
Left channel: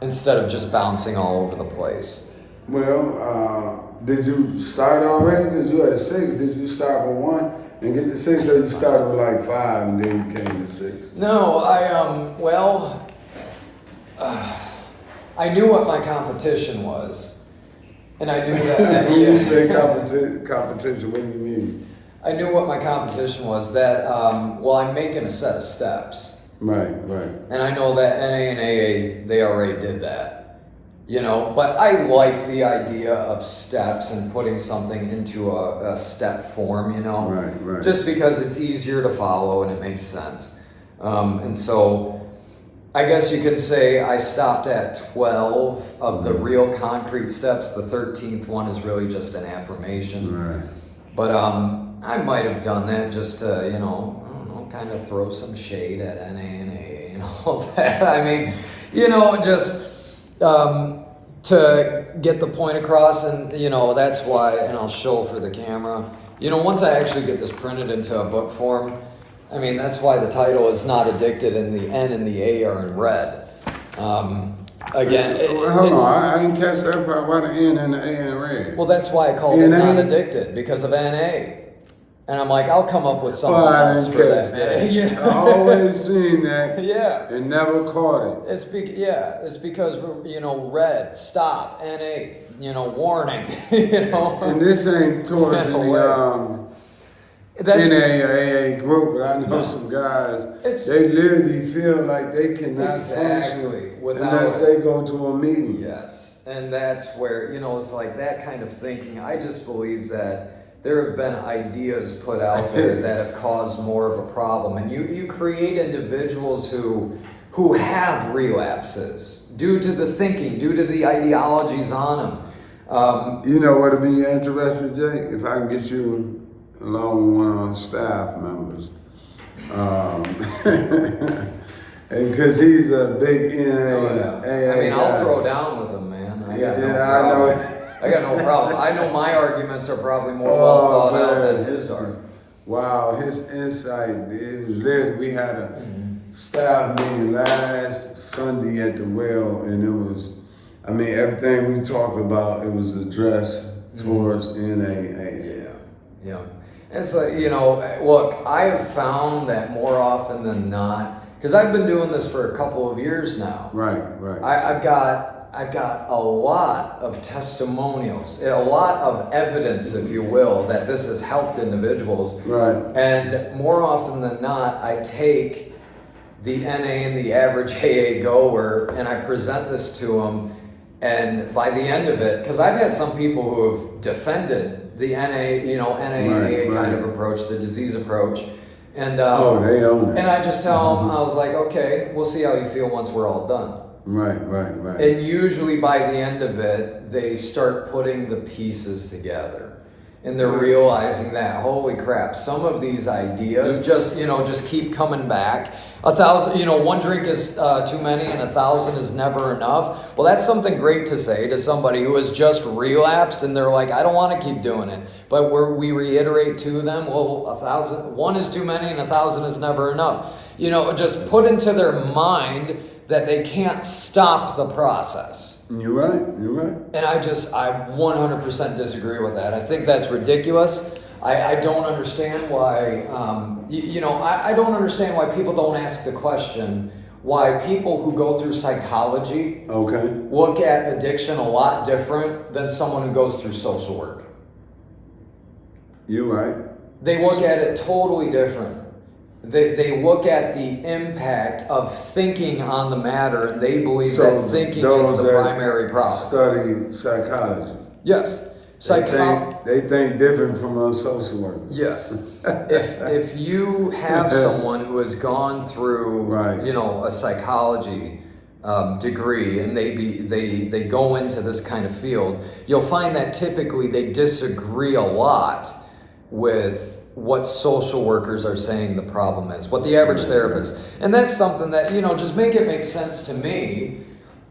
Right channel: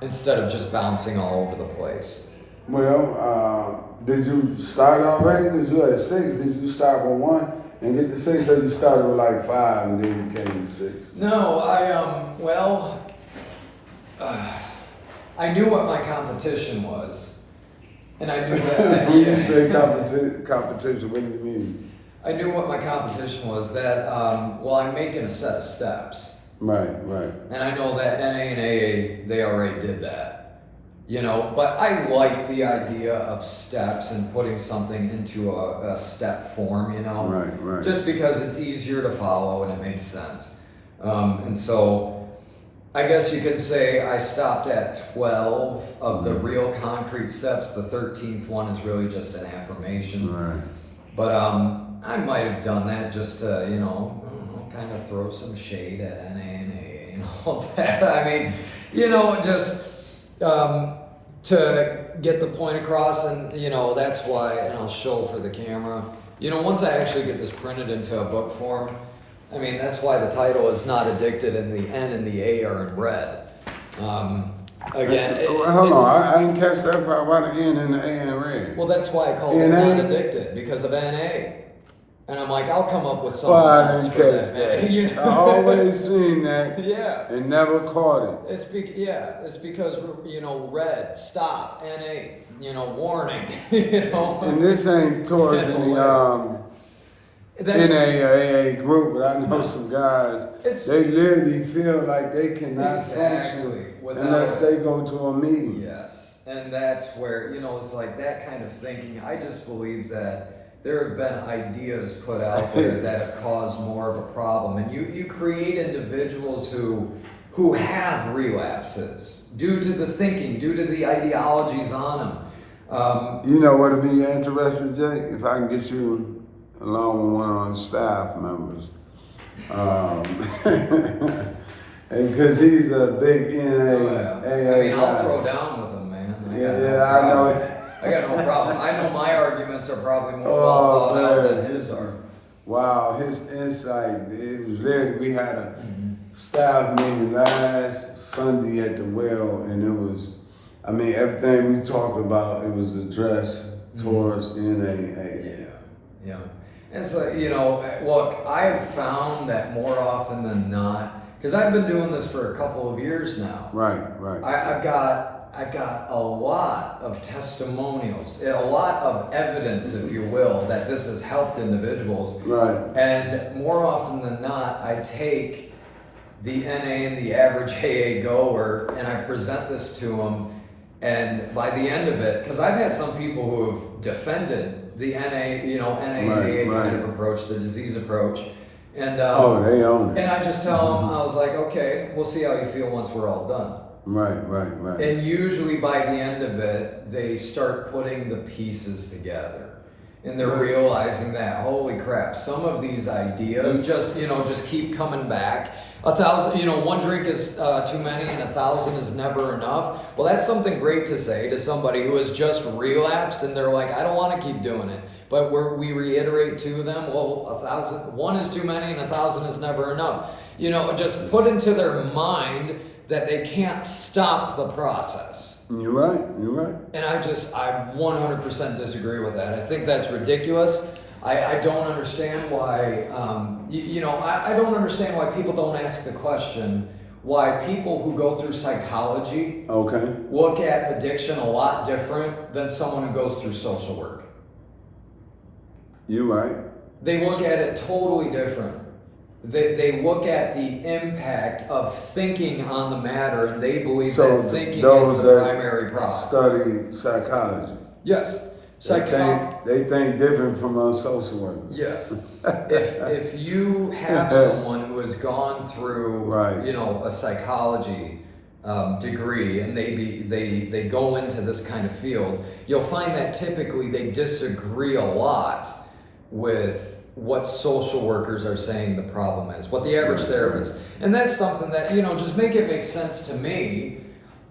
instead of just bouncing all over the place. Well, did you start already? Because you had 6. Did you start with 1 and get to 6, or you started with like 5 and then you came to 6? No, I knew what my competition was, and I knew that. When you say competition, what do you mean? I knew what my competition was. That I'm making a set of steps. Right. And I know that NA and AA, they already did that. You know, but I like the idea of steps and putting something into a step form. You know, right. Just because it's easier to follow and it makes sense. And so, I guess you could say I stopped at 12 of the real concrete steps. The 13th one is really just an affirmation. Right. But I might have done that just to, I don't know, kind of throw some shade at NA and AA and all that. I mean, just to get the point across, and that's why, and I'll show for the camera. Once I actually get this printed into a book form, I mean, that's why the title is Not Addicted, and the N and the A are in red. Again, hold on, I didn't catch that part. Why the N and the A in red? Well, that's why I called it NA? Not Addicted, because of NA. And I'm like, I'll come up with something Well, I else didn't for catch that. that. I always seen that Yeah. and never caught it. It's because we're, red, stop, NA, warning, And this ain't towards any That's, NA or AA group, but I know some guys, they literally feel like they cannot function unless they go to a meeting. Yes, and that's where, it's like that kind of thinking. I just believe that there have been ideas put out there that have caused more of a problem, and you create individuals who have relapses due to the thinking, due to the ideologies on them. You know what'd be interesting, Jay? If I can get you along with one of our staff members. And because he's a big NA, AA I'll guy. throw down with him, man. I know it. I got no problem. I know my arguments are probably more well thought out than his are. Wow, his insight, it was literally, we had a staff meeting last Sunday at the well, and it was, everything we talked about, it was addressed towards NAA. Yeah. It's like, look, I've found that more often than not, because I've been doing this for a couple of years now. Right. I've got a lot of testimonials, a lot of evidence, if you will, that this has helped individuals. Right. And more often than not, I take the NA and the average AA goer and I present this to them. And by the end of it, because I've had some people who have defended the NA, NA kind of approach, the disease approach. And they own it. And I just tell them, I was like, okay, we'll see how you feel once we're all done. Right. And usually by the end of it, they start putting the pieces together. And they're realizing that, holy crap, some of these ideas just keep coming back. 1,000, one drink is too many and 1,000 is never enough. Well, that's something great to say to somebody who has just relapsed and they're like, I don't want to keep doing it. But we reiterate to them, well, 1,000, one is too many and 1,000 is never enough. Just put into their mind that they can't stop the process. You're right. And I 100% disagree with that. I think that's ridiculous. I don't understand why, I don't understand why people don't ask the question, why people who go through psychology look at addiction a lot different than someone who goes through social work. You're right. They look at it totally different. They look at the impact of thinking on the matter, and they believe that thinking is the primary problem. Study psychology. Yes. They think different from us social workers. Yes. if you have someone who has gone through, a psychology degree, and they go into this kind of field, you'll find that typically they disagree a lot with what social workers are saying the problem is, what the average therapist. And that's something that, just make it make sense to me.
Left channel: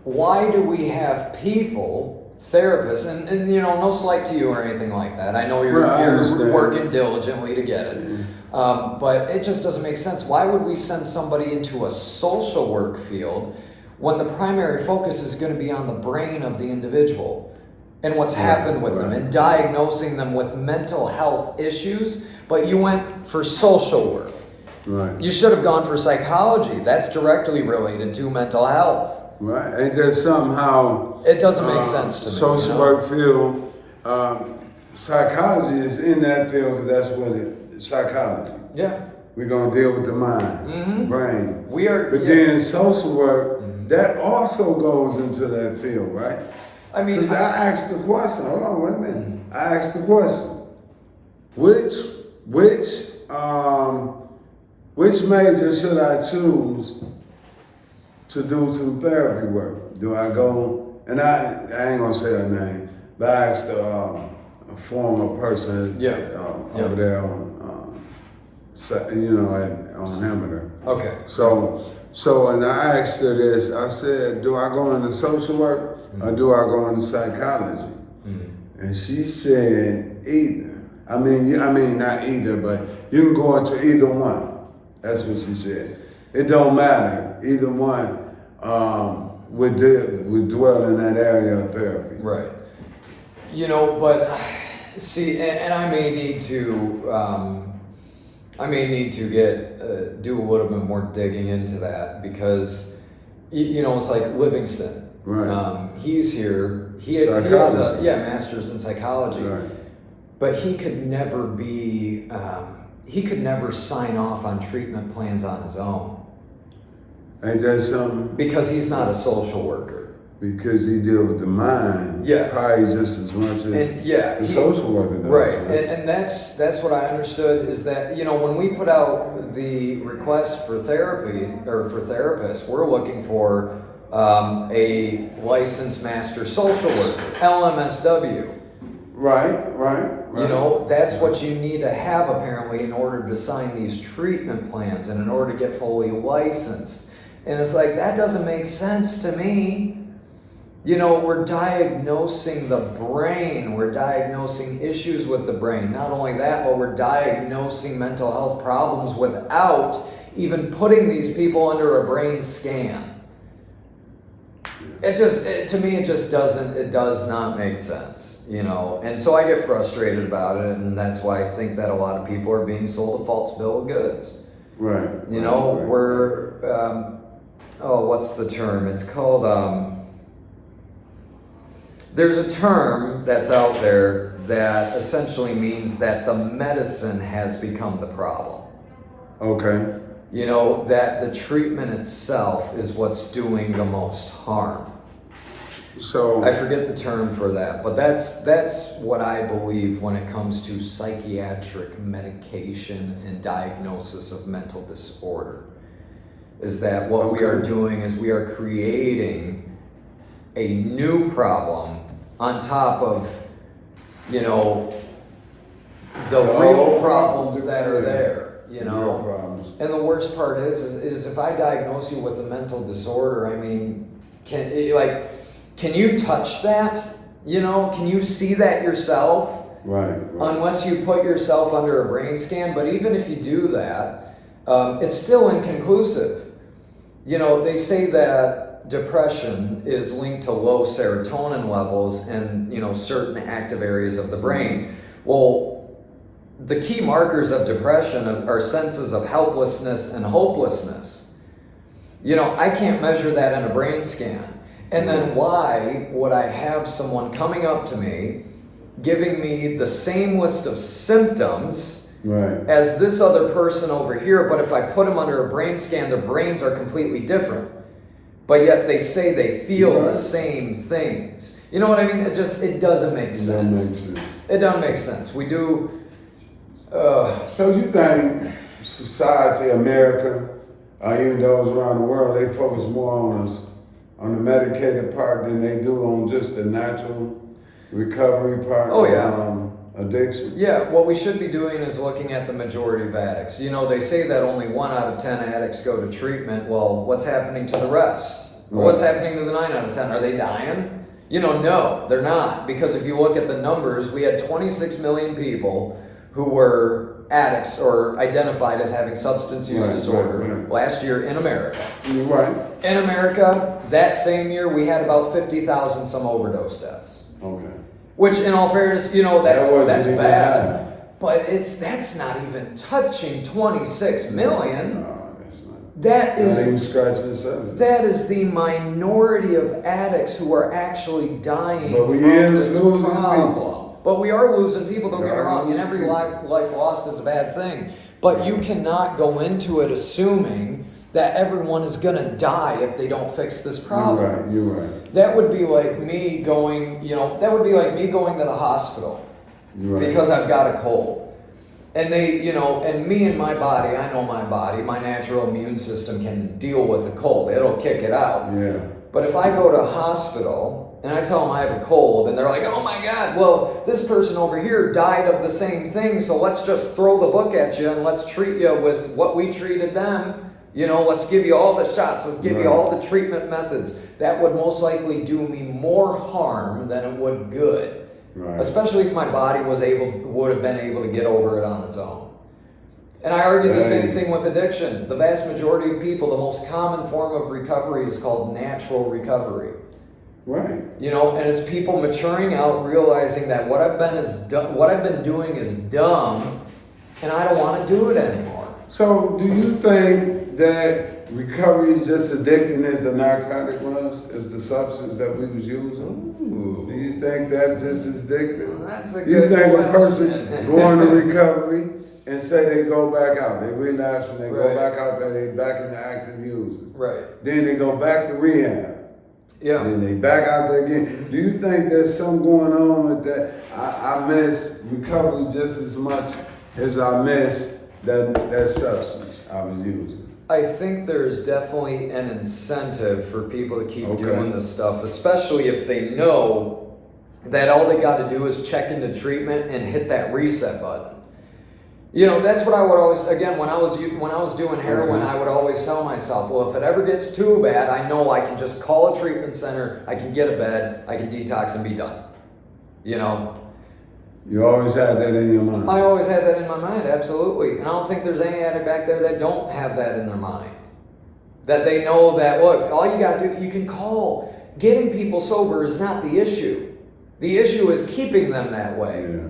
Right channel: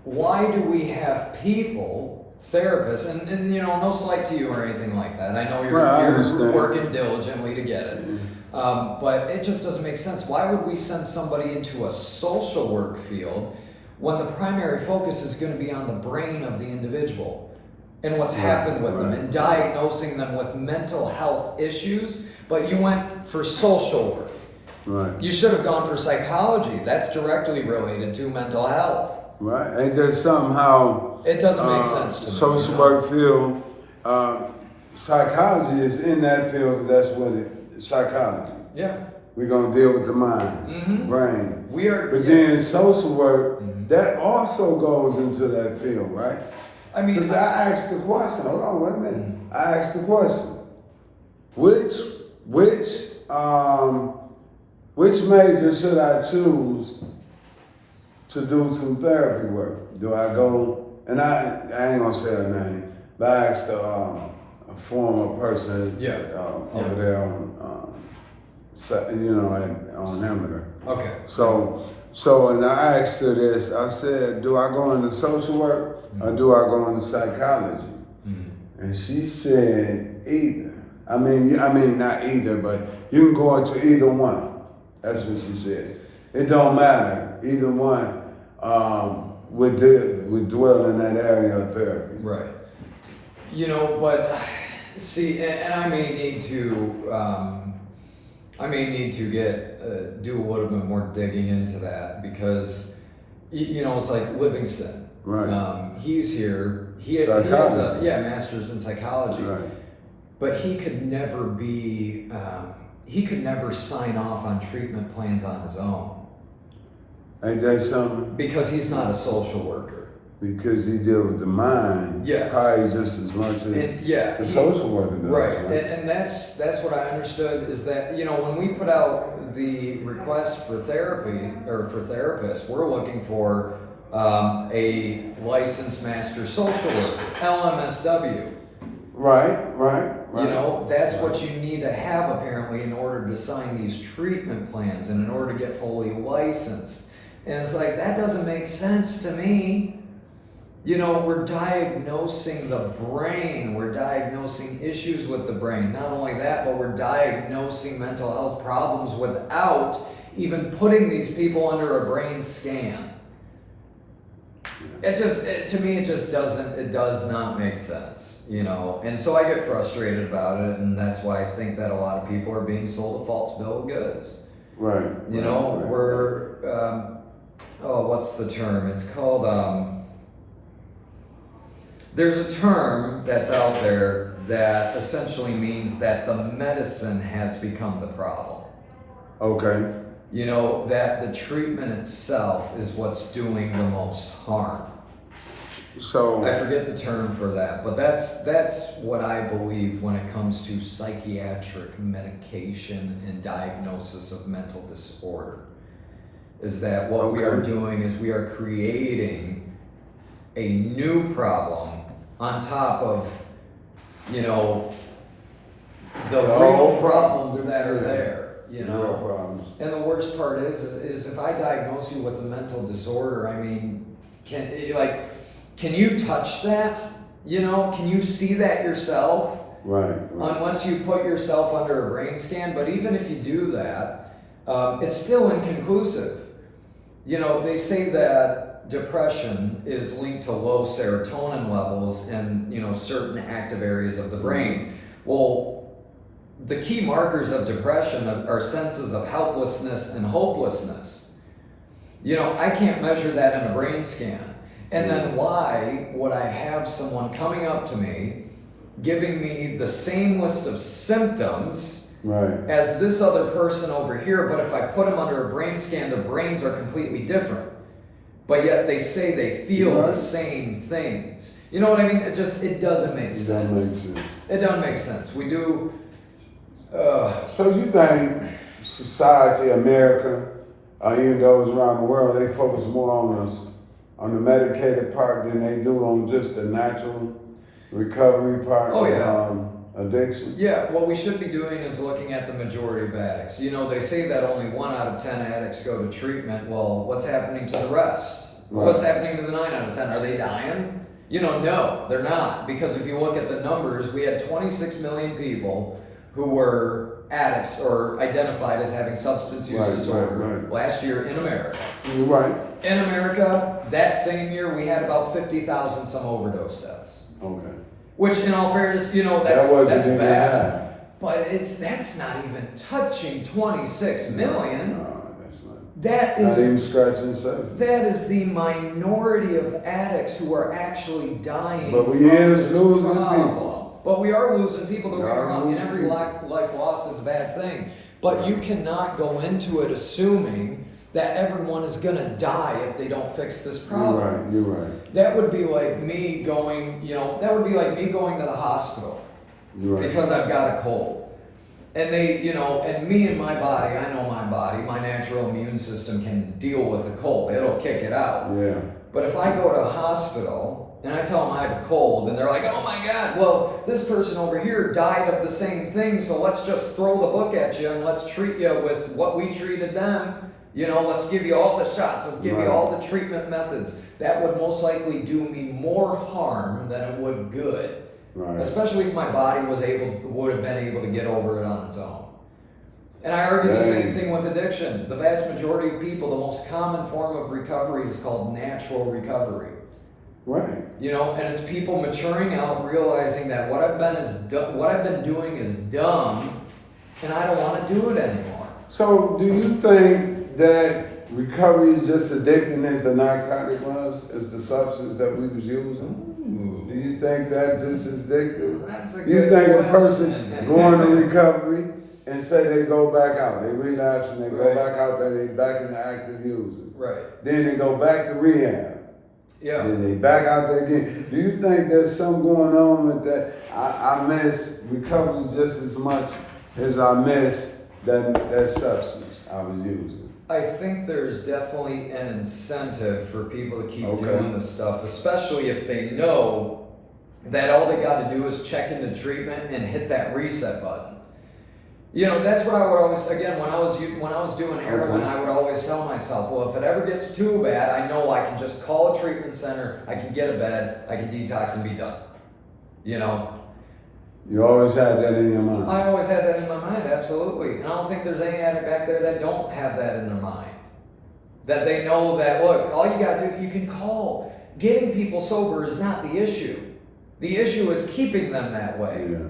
Why do we have people, therapists, and no slight to you or anything like that. I know you're working diligently to get it. But it just doesn't make sense. Why would we send somebody into a social work field when the primary focus is going to be on the brain of the individual and what's happened with them and diagnosing them with mental health issues? But you went for social work. Right. You should have gone for psychology. That's directly related to mental health. Right. Ain't that somehow it doesn't make sense to me. Social work field, psychology is in that field because that's what psychology. Yeah. We're gonna deal with the mind, brain. But Yes. then social work, that also goes into that field, right? I mean, because I asked the question. Hold on, wait a minute. I asked the question. Which major should I choose to do some therapy work? Do I go, and I ain't gonna say her name, but I asked a former person over there on, on Hamilton. Okay. So So, and I asked her this. I said, "Do I go into social work or do I go into psychology?" And she said, "Either." I mean, not either, but you can go into either one. That's what she said. It don't matter. Either one would dwell in that area of therapy. Right. You know, but see, and I may need to, get do a little bit more digging into that because, you know, it's like Livingston. Right. He's here. He has a master's in psychology. Right. But he could never be. He could never sign off on treatment plans on his own. Ain't that something? Because he's not a social worker. Because he deal with the mind, Yes. probably just as much as the social worker does. Right, Right. and that's what I understood is that, you know, when we put out the request for therapy or for therapists, we're looking for a licensed master social worker, LMSW. Right. You know, that's what you need to have apparently in order to sign these treatment plans and in order to get fully licensed. And it's like, that doesn't make sense to me. You know, we're diagnosing the brain. We're diagnosing issues with the brain. Not only that, but we're diagnosing mental health problems without even putting these people under a brain scan. To me, it does not make sense, you know? And so I get frustrated about it, and that's why I think that a lot of people are being sold a false bill of goods. Right. You know, we're, what's the term? It's called, there's a term that's out there that essentially means that the medicine has become the problem. Okay. You know, that the treatment itself is what's doing the most harm. So I forget the term for that, but that's what I believe when it comes to psychiatric medication and diagnosis of mental disorder. Is that what we are doing is we are creating a new problem on top of, you know, the real problems that are there, you know. Real problems. And the worst part is if I diagnose you with a mental disorder, I mean, can you touch that? You know, can you see that yourself? Right. Unless you put yourself under a brain scan. But even if you do that, it's still inconclusive. You know, they say that depression is linked to low serotonin levels in, you know, certain active areas of the brain. Well, the key markers of depression are senses of helplessness and hopelessness. You know, I can't measure that in a brain scan. And then why would I have someone coming up to me, giving me the same list of symptoms as this other person over here, but if I put them under a brain scan, their brains are completely different. But yet they say they feel the same things. You know what I mean? It doesn't make sense. It doesn't make sense. We do... So you think society, America, even those around the world, they focus more on the medicated part than they do on just the natural recovery part of addiction? Yeah, what we should be doing is looking at the majority of addicts. You know, they say that only 1 out of 10 addicts go to treatment. Well, what's happening to the rest? Right. What's happening to the 9 out of 10? Are they dying? You know, no, they're not. Because if you look at the numbers, we had 26 million people who were addicts or identified as having substance use disorder last year in America. You're right. In America, that same year, we had about 50,000 some overdose deaths. Okay. Which, in all fairness, you know, that's bad. Bad. But that's not even touching 26 million. No, that's not. That is not even scratching the surface. That is the minority of addicts who are actually dying. But we from is this losing problem. people. But we are losing people, don't get me wrong, and every people. life lost is a bad thing. But you cannot go into it assuming that everyone is going to die if they don't fix this problem. You're right. That would be like me going, to the hospital because I've got a cold. And and me and my body, I know my body, my natural immune system can deal with a cold. It'll kick it out. Yeah. But if I go to a hospital and I tell them I have a cold and they're like, oh my God, well, this person over here died of the same thing, so let's just throw the book at you and let's treat you with what we treated them. You know, let's give you all the shots, let's give you Right. all the treatment methods. That would most likely do me more harm than it would good. Right. Especially if my body would have been able to get over it on its own. And I argue the same thing with addiction. The vast majority of people, the most common form of recovery is called natural recovery. Right. You know, and it's people maturing out, realizing that what I've been doing is dumb, and I don't want to do it anymore. So, do you think that recovery is just addicting as the narcotic was, as the substance that we was using? Ooh. Do you think that just is addictive? That's a You good think a question. person going to recovery and say they go back out, they relapse and they go Right. back out there, they back into active using. Right. Then they go back to rehab. Yeah. And they back out there again. Do you think there's something going on with that? I miss recovery just as much as I miss that substance I was using. I think there's definitely an incentive for people to keep Okay. doing this stuff, especially if they know that all they got to do is check into treatment and hit that reset button. You know, that's what I would always, again, when I was doing heroin, Okay. I would always tell myself, well, if it ever gets too bad, I know I can just call a treatment center, I can get a bed, I can detox and be done. You know, You always had that in your mind. I always had that in my mind, absolutely. And I don't think there's any addict back there that don't have that in their mind. That they know that, look, all you gotta do, you can call. Getting people sober is not the issue. The issue is keeping them that way. Yeah.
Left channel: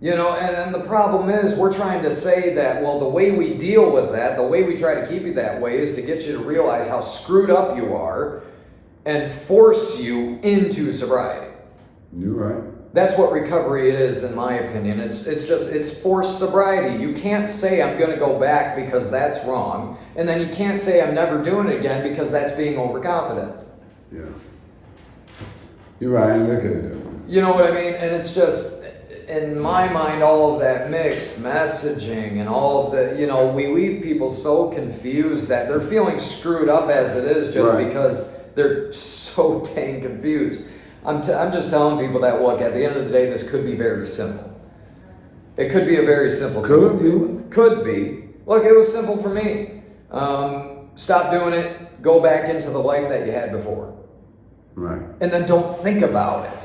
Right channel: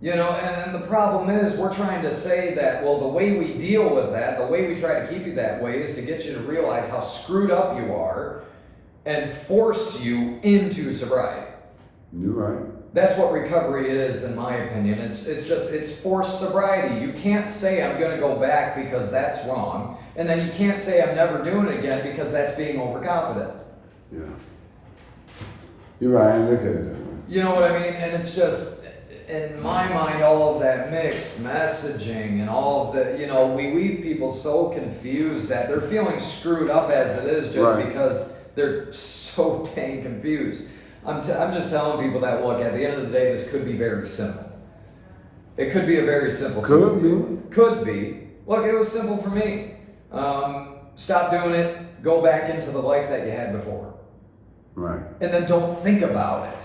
You know, and the problem is we're trying to say that, well, the way we deal with that, the way we try to keep you that way is to get you to realize how screwed up you are and force you into sobriety. You're right. That's what recovery is, in my opinion. It's forced sobriety. You can't say I'm going to go back because that's wrong, and then you can't say I'm never doing it again because that's being overconfident. Yeah. You're right. I look at it that way. You know what I mean? And it's just, in my mind, all of that mixed messaging and all of the, you know, we leave people so confused that they're feeling screwed up as it is just Right. because they're so dang confused. I'm just telling people that, look, at the end of the day, this could be very simple. It could be a very simple thing Could to be. deal with. Could be. Look, it was simple for me. Stop doing it, go back into the life that you had before. Right. And then don't think about it.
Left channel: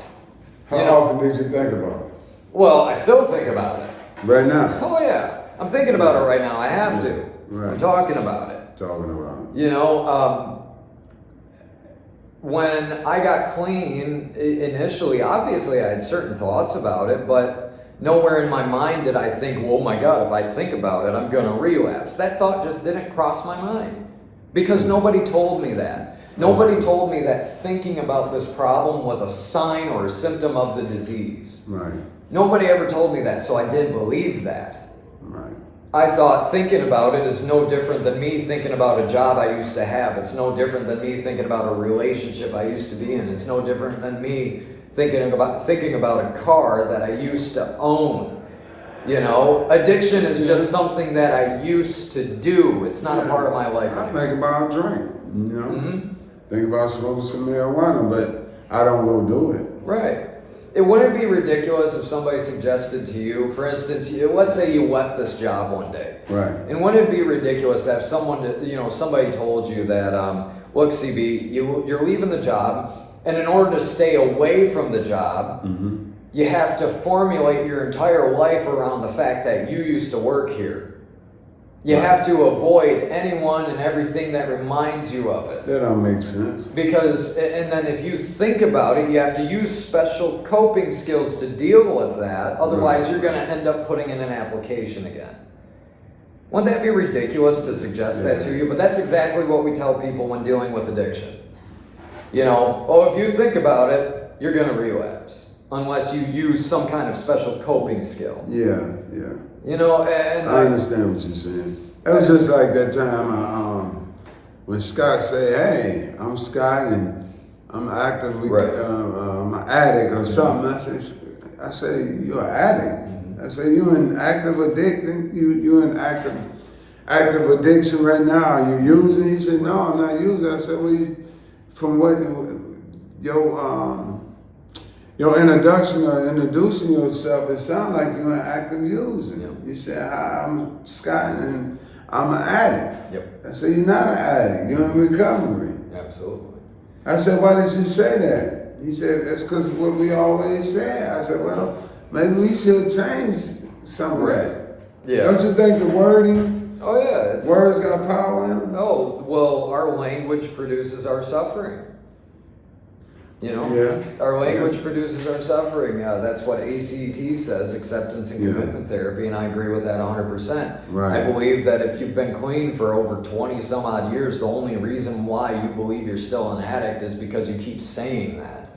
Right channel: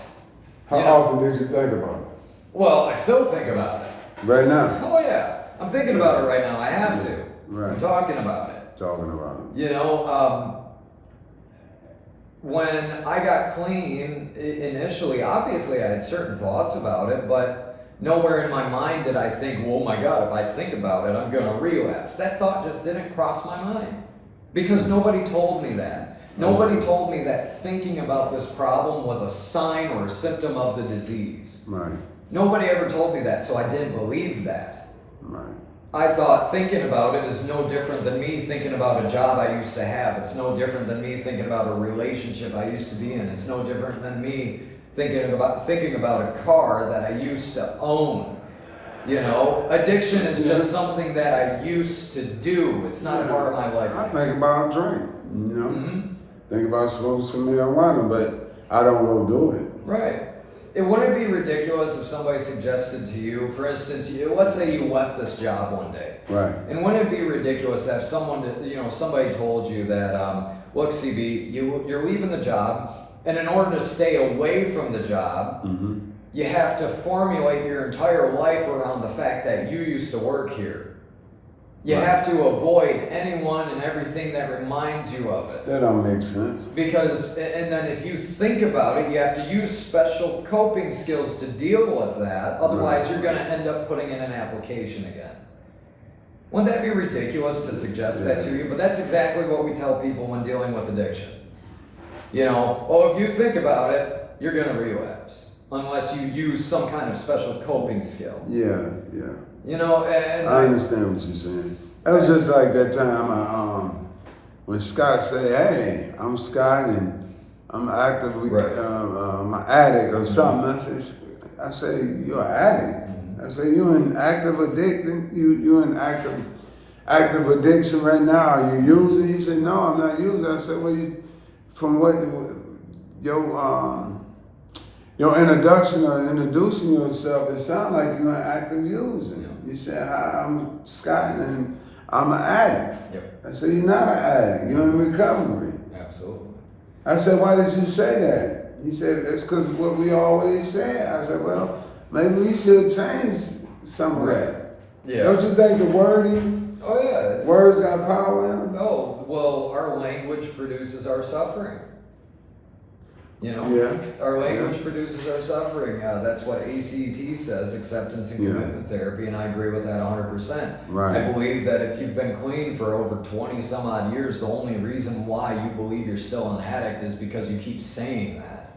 How You know? often did you think about it? Well, I still think about it. Right now. Oh yeah, I'm thinking about it right now. I have to. Right. I'm talking about it. Talking about it. You know, when I got clean initially, obviously I had certain thoughts about it, but nowhere in my mind did I think, oh my God, if I think about it, I'm going to relapse. That thought just didn't cross my mind because nobody told me that. Nobody told me that thinking about this problem was a sign or a symptom of the disease. Right. Nobody ever told me that, so I didn't believe that. Right. I thought thinking about it is no different than me thinking about a job I used to have. It's no different than me thinking about a relationship I used to be in. It's no different than me thinking about a car that I used to own. You know, addiction is just something that I used to do. It's not a part of my life I anymore. think about a drink, you know. Mm-hmm. Think about smoking some marijuana, but I don't go do it. Right. It wouldn't be ridiculous if somebody suggested to you, for instance, let's say you left this job one day. Right. And wouldn't it be ridiculous that if somebody told you that, look, CB, you're leaving the job, and in order to stay away from the job, you have to formulate your entire life around the fact that you used to work here. You Right. have to avoid anyone and everything that reminds you of it. That don't make sense. Because, and then if you think about it, you have to use special coping skills to deal with that. Otherwise, Right. you're going to end up putting in an application again. Wouldn't that be ridiculous to suggest that to you? But that's exactly what we tell people when dealing with addiction. You know, if you think about it, you're going to relapse. Unless you use some kind of special coping skill. Yeah. You know, and I understand what you're saying. It was just like that time when Scott said, "Hey, I'm Scott and I'm actively I'm an addict or something." I say, "You're an addict." I say, "You're in active addiction. You're in active addiction right now. Are you using?" He said, "No, I'm not using." I said, "Well, from what your introduction or introducing yourself, it sounds like you're an active user." You said, "Hi, I'm Scott and I'm an addict. Yep. I said, you're not an addict. You're in recovery. Absolutely. I said, why did you say that? He said, that's because of what we always said. I said, well, maybe we should change some of that. Yeah. Don't you think the wording, Oh yeah. words got power in them? Oh, well, our language produces our suffering. You know? Yeah. Our language produces our suffering. That's what ACT says, acceptance and Yeah. commitment therapy, and I agree with that 100%. Right. I believe that if you've been clean for over 20 some odd years, the only reason why you believe you're still an addict is because you keep saying that.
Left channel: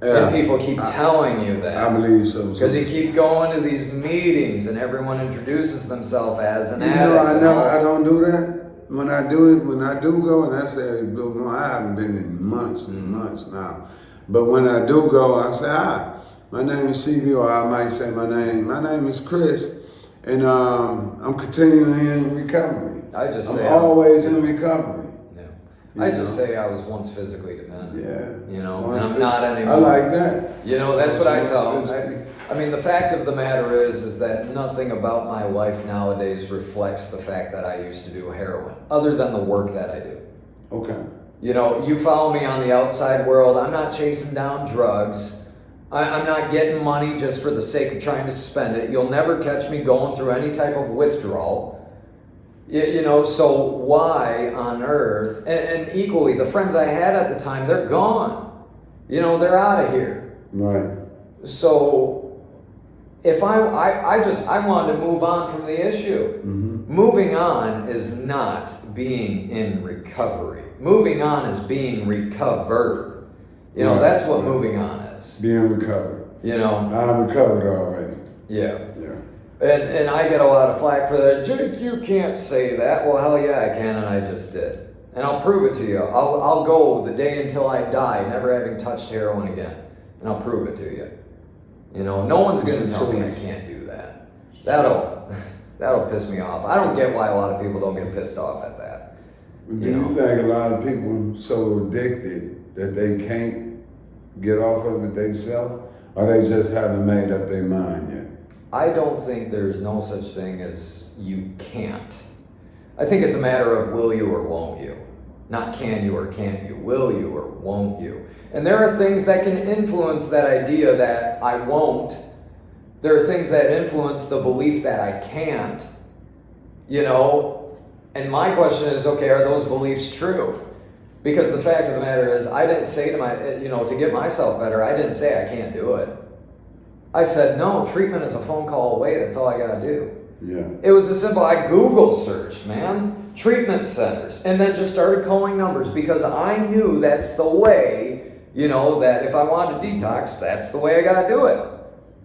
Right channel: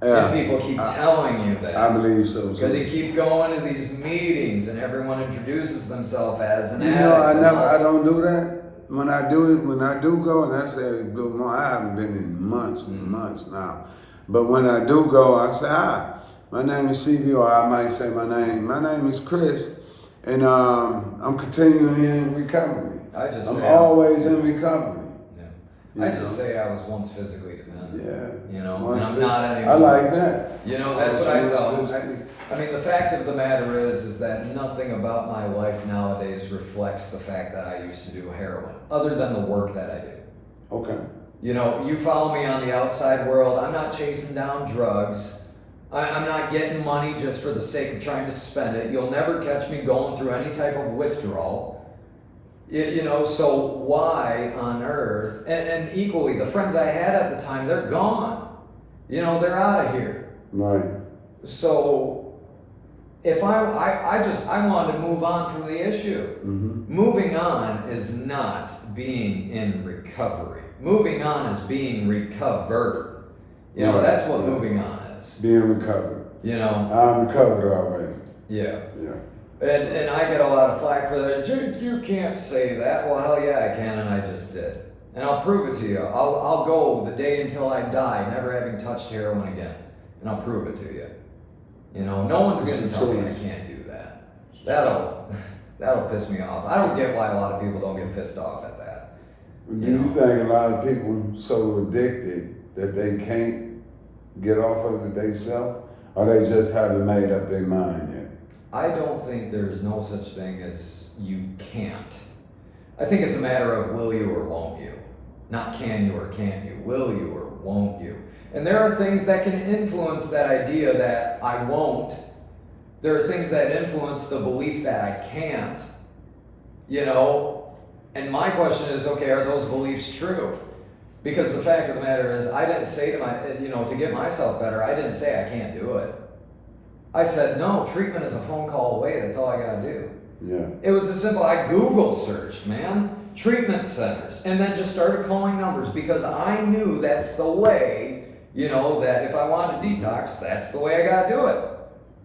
Yeah. And people keep telling you that. I believe so Because you too. keep going to these meetings and everyone introduces themselves as an You addict. know, and all. I don't do that. When I do go, and I say, I haven't been in months and months now. But when I do go, I say, hi, my name is CB, or I might say my name is Chris, and I'm continuing in recovery. I'm always in recovery. Yeah. I just say I was once physically dependent. Yeah. You know, Once and I'm not anymore. I like that. You know, that's what I tell Once them. I mean, the fact of the matter is that nothing about my life nowadays reflects the fact that I used to do heroin, other than the work that I do. Okay. You know, you follow me on the outside world. I'm not chasing down drugs. I'm not getting money just for the sake of trying to spend it. You'll never catch me going through any type of withdrawal. You know, so why on earth? And equally, the friends I had at the time, they're gone. You know, they're out of here. Right. So if I wanted to move on from the issue. Mm-hmm. Moving on is not being in recovery. Moving on is being recovered. You know, Right, that's what right. moving on is. Being recovered. You know? I'm recovered already. Yeah. Yeah. And I get a lot of flack for that. Jake, you can't say that. Well, hell yeah, I can, and I just did. And I'll prove it to you. I'll go the day until I die, never having touched heroin again. And I'll prove it to you. You know, no one's going to tell me I can't do that. That'll piss me off. I don't get why a lot of people don't get pissed off at that. Do you think a lot of people so addicted that they can't get off of it themselves, or they just haven't made up their mind yet? I don't think there's no such thing as you can't. I think it's a matter of will you or won't you. Not can you or can't you. Will you or won't you. And there are things that can influence that idea that I won't. There are things that influence the belief that I can't. You know? And my question is, okay, are those beliefs true? Because the fact of the matter is, I didn't say to get myself better, I didn't say I can't do it. I said, no, treatment is a phone call away. That's all I got to do. Yeah. It was as simple. I Google searched, man, treatment centers, and then just started calling numbers because I knew that's the way, that if I wanted to detox, that's the way I got to do it.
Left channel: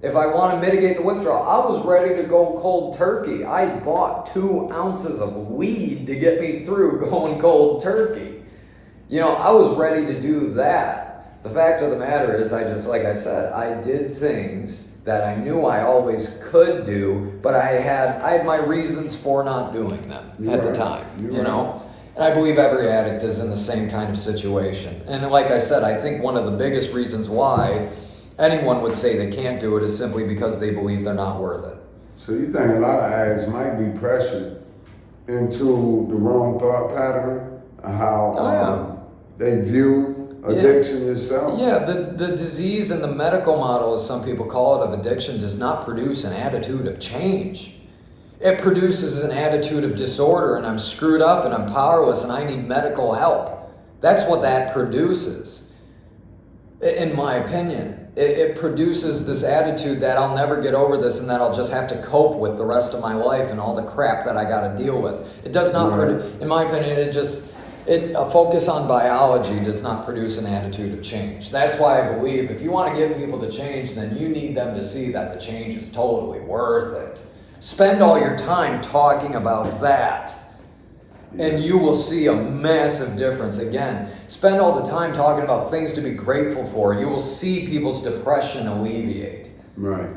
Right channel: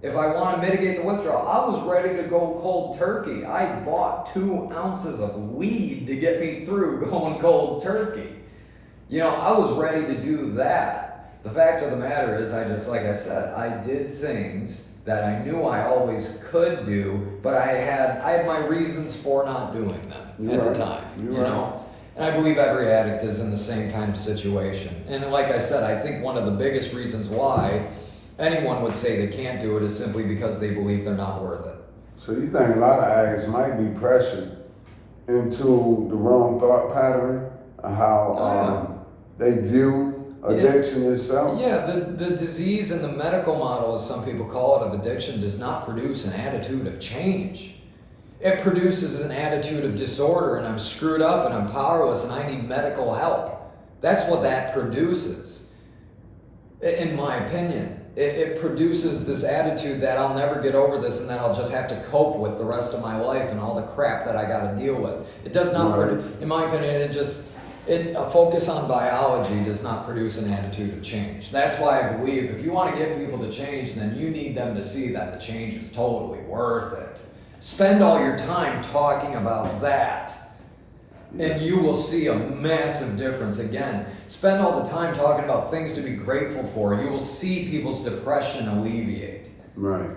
If I want to mitigate the withdrawal, I was ready to go cold turkey. I bought 2 ounces of weed to get me through going cold turkey. I was ready to do that. The fact of the matter is, like I said, I did things that I knew I always could do, but I had my reasons for not doing them the time, know? And I believe every addict is in the same kind of situation. And like I said, I think one of the biggest reasons why anyone would say they can't do it is simply because they believe they're not worth it. So you think a lot of addicts might be pressured into the wrong thought pattern of how they view addiction itself? Yeah, the disease and the medical model, as some people call it, of addiction does not produce an attitude of change. It produces an attitude of disorder, and I'm screwed up and I'm powerless and I need medical help. That's what that produces, in my opinion. It produces this attitude that I'll never get over this and that I'll just have to cope with the rest of my life and all the crap that I got to deal with. It does not produce, in my opinion, a focus on biology does not produce an attitude of change. That's why I believe if you want to get people to change, then you need them to see that the change is totally worth it. Spend all your time talking about that, and you will see a massive difference. Again, spend all the time talking about things to be grateful for. You will see people's depression alleviate. Right.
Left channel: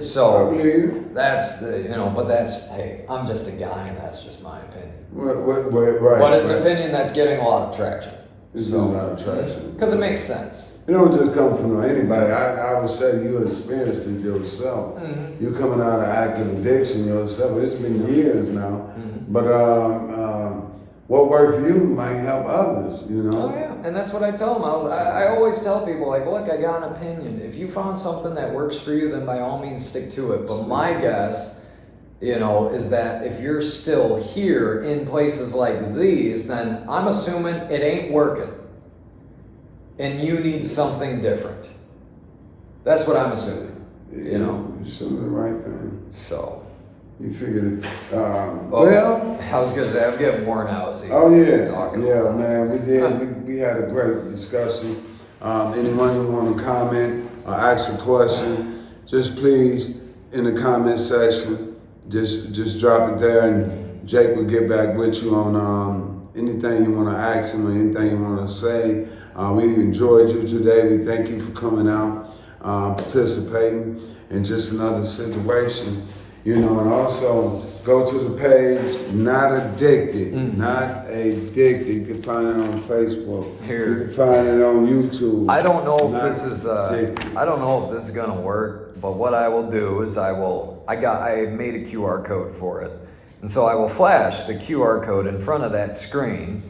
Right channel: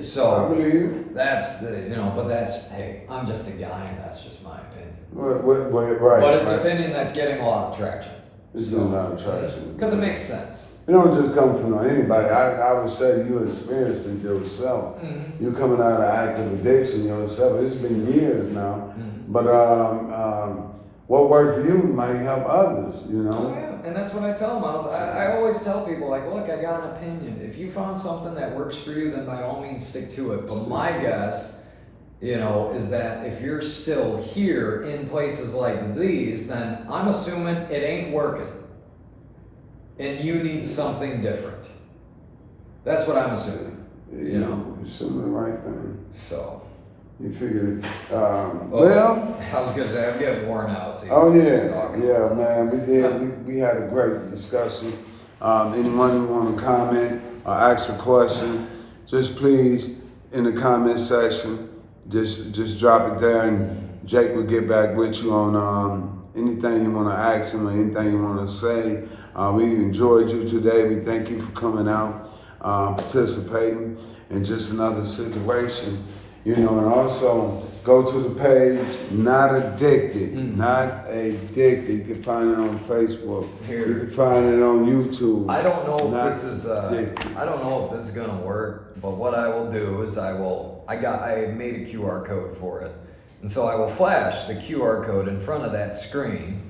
So I believe that's but that's, hey, I'm just a guy, and that's just my opinion. Right. But it's opinion that's getting a lot of traction. It's a lot of traction. Because it makes sense. it don't just come from anybody. I would say you experienced it yourself. Mm-hmm. You coming out of active addiction yourself. It's been years now. Mm-hmm. But what worked for you might help others, you know? Oh yeah, and that's what I tell them. I always tell people, like, look, I got an opinion. If you found something that works for you, then by all means stick to it. But my guess, you know, is that if you're still here in places like these, then I'm assuming it ain't working. And you need something different. That's what I'm assuming, you know? You're assuming the right thing. So. You figured, Well, I was gonna say, I'm getting worn out. So oh yeah, talking yeah, about man, we did. We had a great discussion. Anyone who want to comment or ask a question, just please in the comment section, just drop it there, and Jake will get back with you on anything you want to ask him or anything you want to say. We enjoyed you today. We thank you for coming out, participating in just another situation. You know, and also go to the page, Not Addicted. Not Addicted. You can find it on Facebook. Here. You can find it on YouTube. I don't know if Not this is Addicted. I don't know if this is gonna work, but what I will do is I made a QR code for it. And so I will flash the QR code in front of that screen.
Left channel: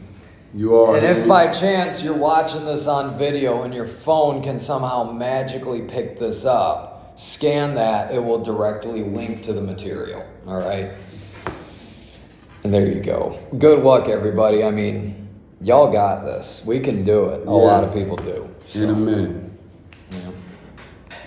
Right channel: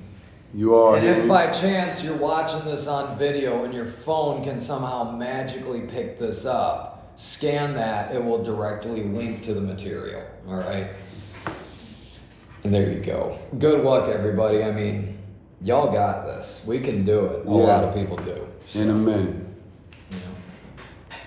You are. And if by chance you're watching this on video and your phone can somehow magically pick this up, scan that, it will directly link to the material. All right. And there you go. Good luck, everybody. I mean, y'all got this. We can do it. A lot of people do. In a minute.